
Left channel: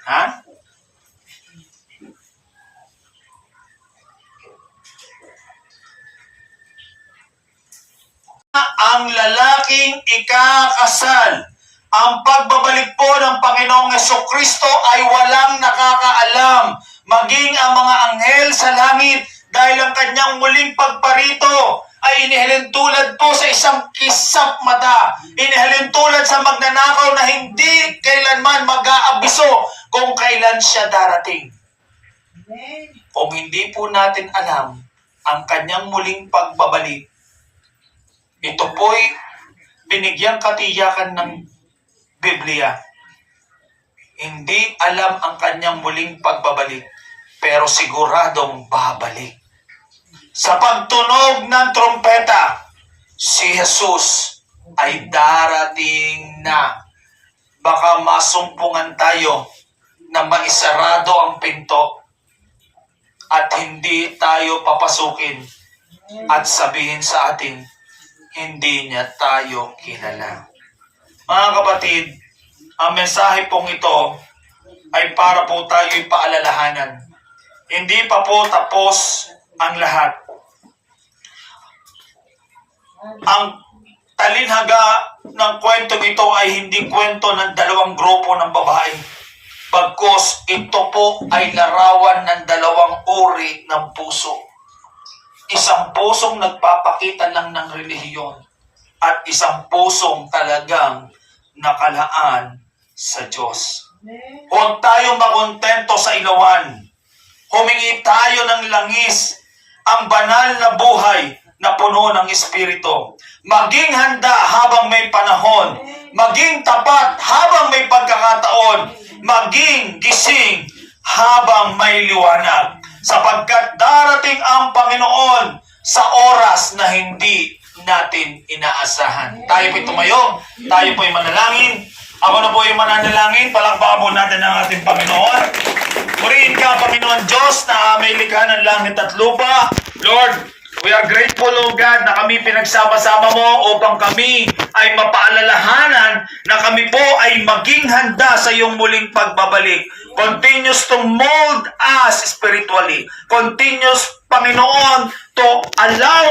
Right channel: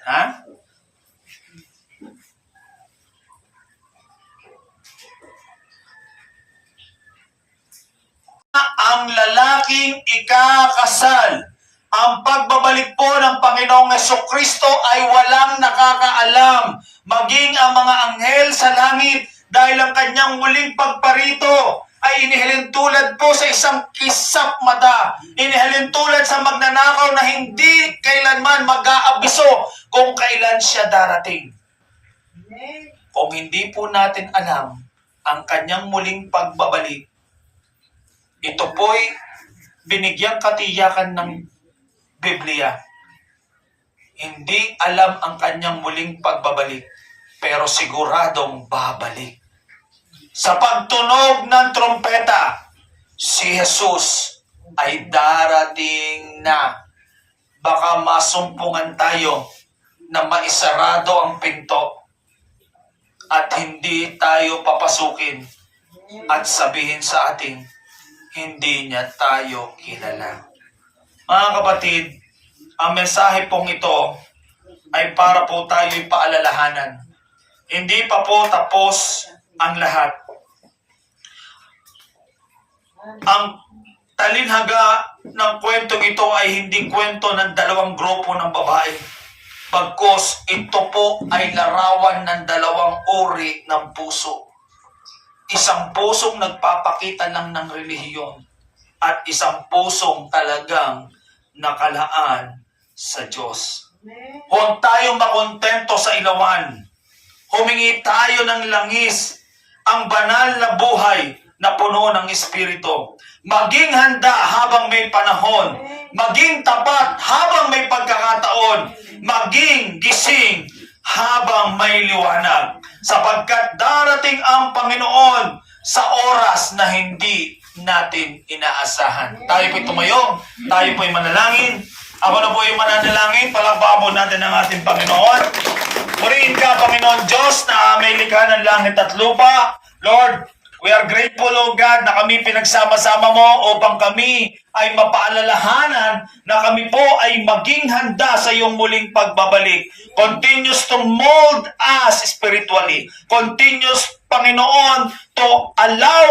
Ha? Ang lalaking ikakasal. Ang pagbabalik po ng Panginoong Jesucristo ay walang nakakaalam, maging ang mga anghel sa langit, dahil ang kanyang muling pagparito ay inihalin tulad po sa isang kisap mata. Inihalin tulad sa magnanakaw na hindi kailanman mag-aabiso kung kailan siya darating. Amen. Kung hindi po natin alam ang kanyang muling pagbabalik, ito po'y binigyang katiyakan ng Biblia. Hindi alam ang kanyang muling pagbabalik, pero siguradong babalik. Sa pagtunog ng trompeta, si Jesus ay darating na. Baka masumpungan tayo na maisarado ang pinto at hindi tayo papasukin at sabihin sa atin, hindi niya tayo kilala. Mga kapatid, ang mensahe pong ito ay para po tayo'y paalalahanan. Hindi pa po tapos ang lahat. Ang talinhaga ng kwentong ito ay hindi kwento ng dalawang grupo ng babae. Bagkus ito po ay larawan ng dalawang uri ng puso. Isang pusong nagpapakita lang ng relihiyon at isang pusong talagang nakalaan sa Diyos. Amen. Huwag tayong makontento sa ilawan. Humingi tayo ng langis, ang banal na buhay na puno ng Espiritu. Maging handa habang may panahon. Maging tapat habang may pagkakataon. Maging gising habang may liwanag. Sapagkat darating ang Panginoon sa oras na hindi natin inaasahan. Tayo po'y tumayo. Tayo po'y manalangin. Ako na po yung mananalangin. Palakpakan po natin ang ating Panginoon. Purihin ka, Panginoon Diyos, na may likha ng langit at lupa. Lord, we are grateful, O God, na kami pinagsama-sama mo upang kami ay mapaalalahanan na kami po ay maging handa sa iyong muling pagbabalik. Continues to mold us spiritually. Continues, Panginoon, to allow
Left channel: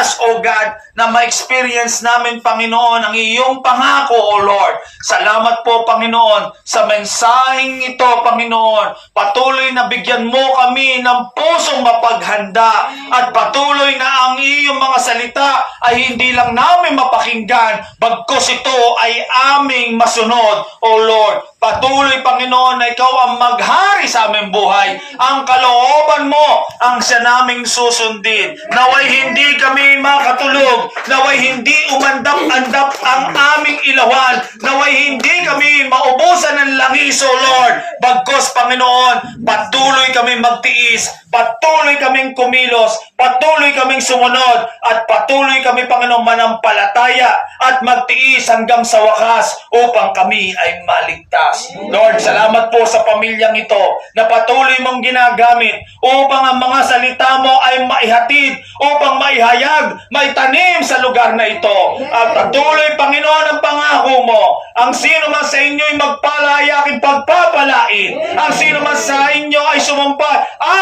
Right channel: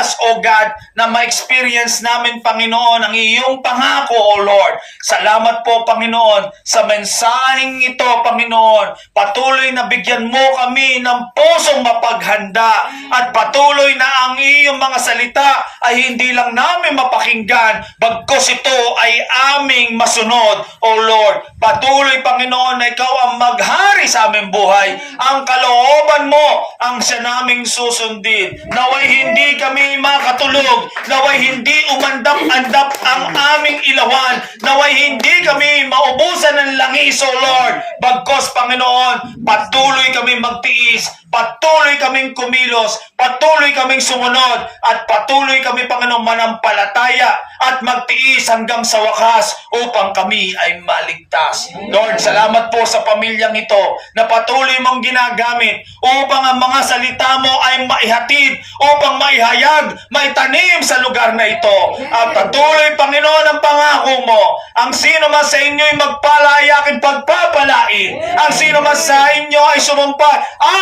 us, O God, na ma-experience namin, Panginoon, ang iyong pangako, O Lord. Salamat po, Panginoon, sa mensaheng ito, Panginoon. Patuloy na bigyan mo kami ng pusong mapaghanda at patuloy na ang iyong mga salita ay hindi lang namin mapakinggan, bagkus ito ay aming masunod, O Lord. Patuloy, Panginoon, na ikaw ang maghari sa aming buhay. Ang kalooban mo ang siya naming susundin. Naway hindi kami makatulog. Naway hindi umandap-andap ang aming ilawan. Naway hindi kami maubusan ng langis, O Lord. Bagkus, Panginoon, patuloy kaming magtiis. Patuloy kaming kumilos. Patuloy kaming sumunod. At patuloy kami, Panginoon, manampalataya at magtiis hanggang sa wakas upang kami ay maligtas. Lord, salamat po sa pamilyang ito na patuloy mong ginagamit upang ang mga salita mo ay maihatid, upang maihayag, maitanim sa lugar na ito. At patuloy, Panginoon, ang pangako mo. Ang sino man sa inyo ay magpalaya aking pagpapalain. Ang sino man sa inyo ay sumumpa,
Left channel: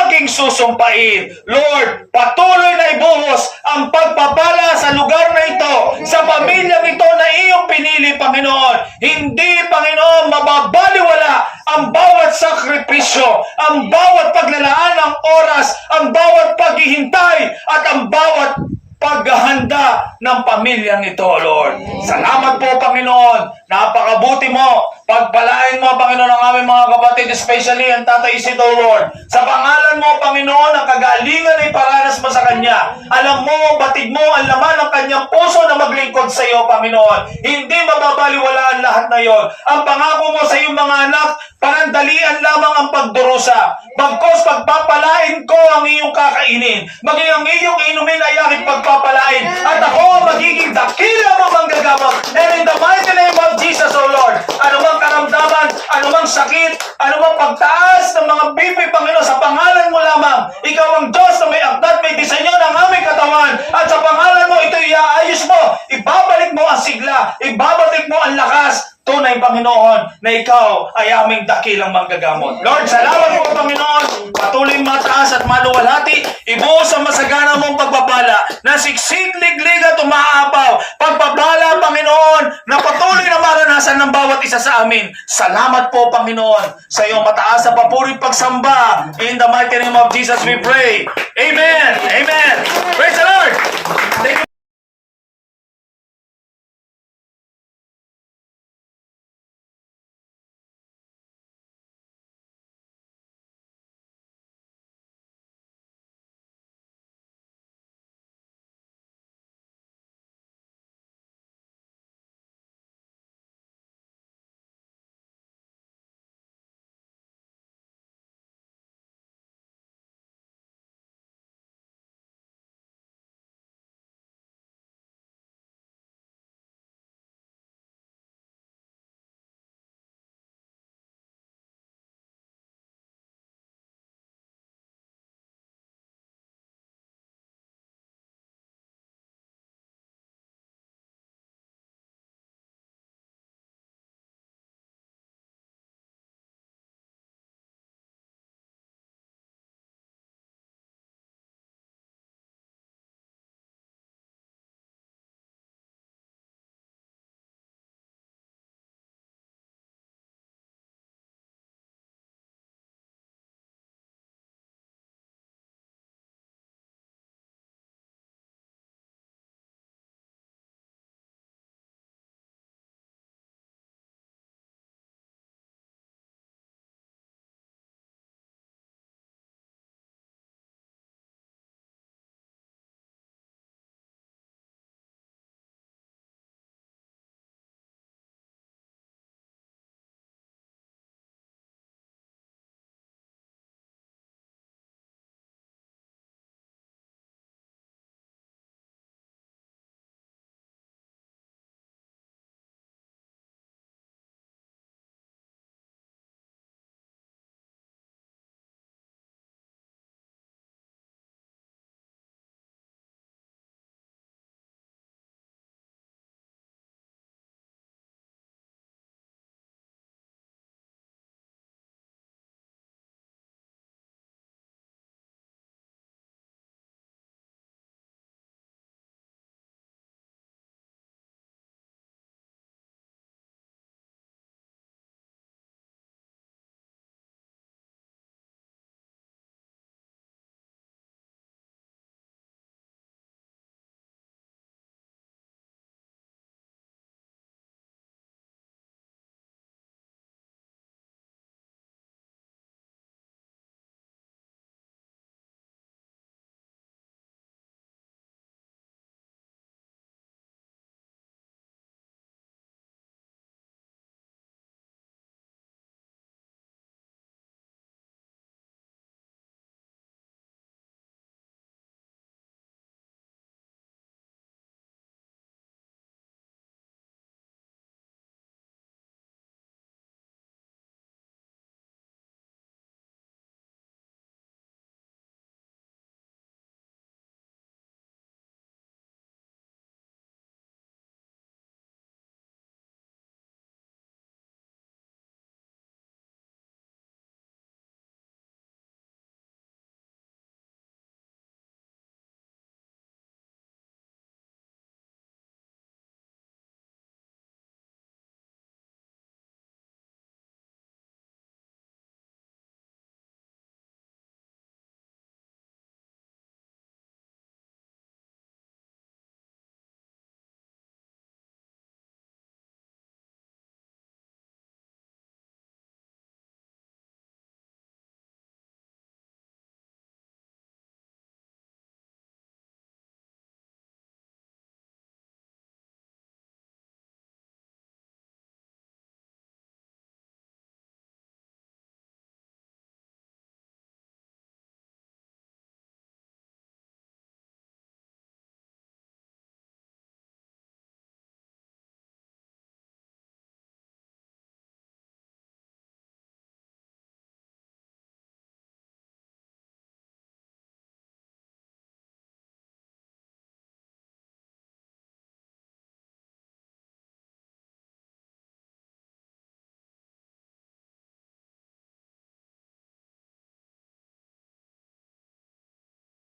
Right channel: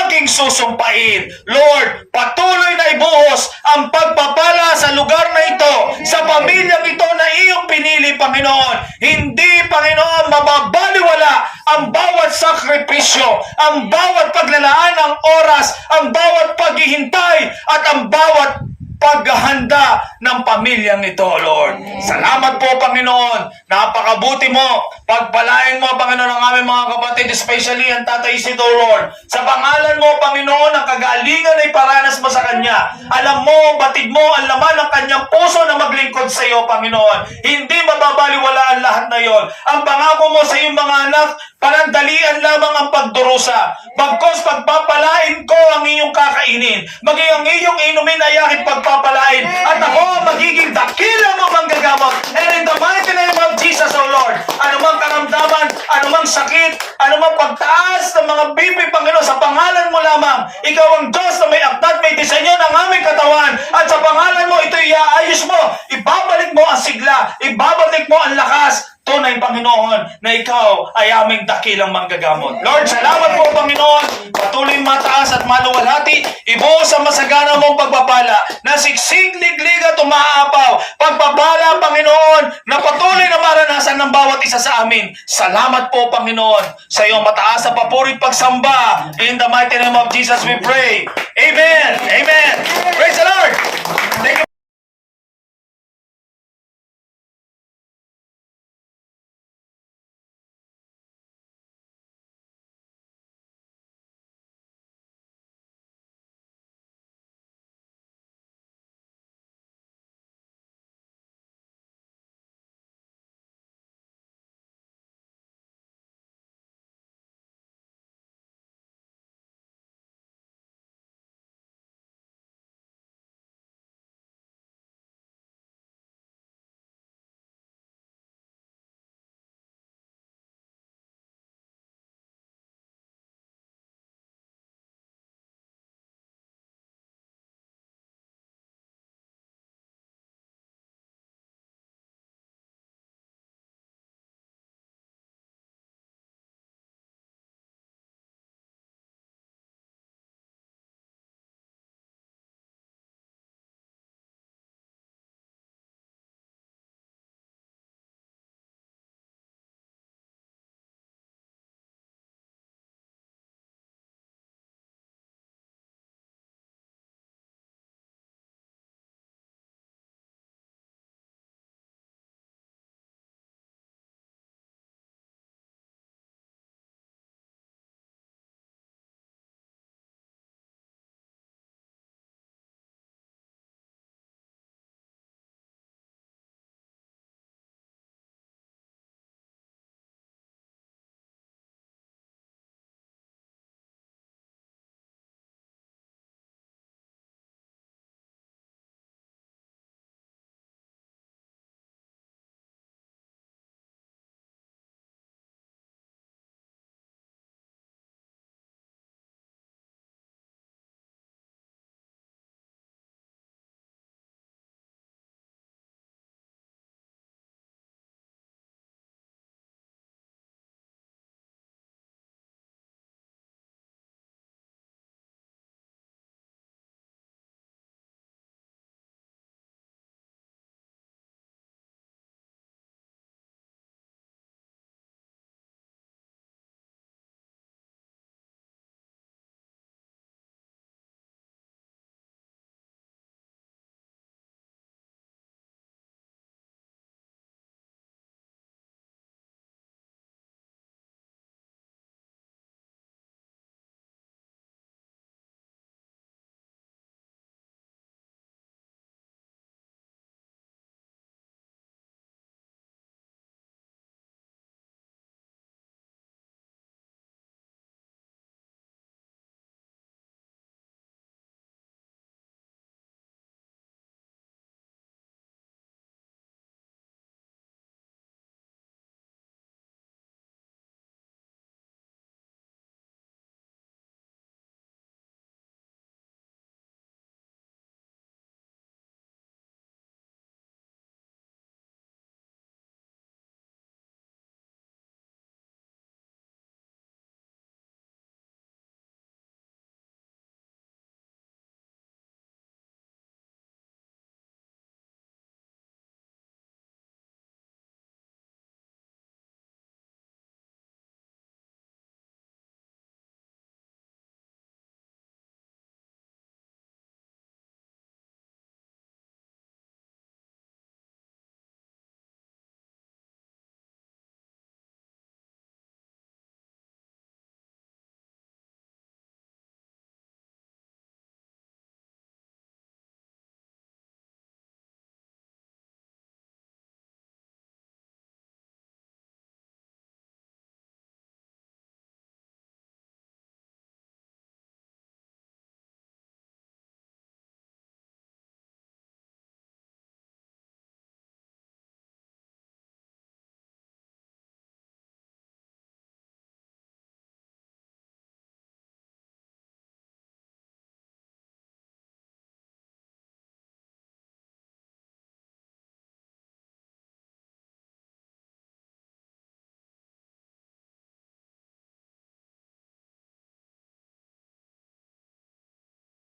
aking susumpain. Lord, patuloy na ibuhos ang pagpapala sa lugar na ito, sa pamilyang ito na iyong pinili, Panginoon. Hindi, Panginoon, mababaliwala ang bawat sakripisyo, ang bawat paglalaan ng oras, ang bawat paghihintay, at ang bawat paghahanda ng pamilyang ito, Lord. Salamat po, Panginoon. Napakabuti mo. Pagpalain mo, Panginoon, ang aming mga kapatid, especially ang Tatay Isidro, Lord. Sa pangalan mo, Panginoon, ang kagalingan ay paranas mo sa Kanya. Alam mo, batid mo ang laman ng Kanyang puso na maglingkod sa iyo, Panginoon. Hindi mababaliwala ang lahat na yon. Ang pangako mo sa iyong mga anak, Panandalian lamang ang pagdurusa. Bagkos pagpapalain ko ang iyong kakainin. Maging ang iyong inumin ay aking pagpapalain. At ako magiging dakila mong manggagamot. And in the mighty name of Jesus, O Lord, anumang karamdaman, anumang sakit, anumang pagtaas ng mga bibi, Panginoon, sa pangalan mo lamang. Ikaw ang Diyos na may akdat, may disenyo ng aming katawan. At sa pangalan mo, ito iaayos mo. Ibabalik mo ang sigla. Ibabalik mo ang lakas. Tunay, Panginoon, na ikaw ay aming dakilang manggagamot. Lord, salamat po, Panginoon. Patuloy mataas at maluwalhati. Ibuo sa masagana mong pagpapala na siksik, liglig at umaapaw. Pagpapala, Panginoon, na patuloy na maranasan ng bawat isa sa amin. Salamat po, Panginoon, sa iyong mataas na papuri pagsamba. In the mighty name of Jesus we pray. Amen. Amen. Praise the Lord.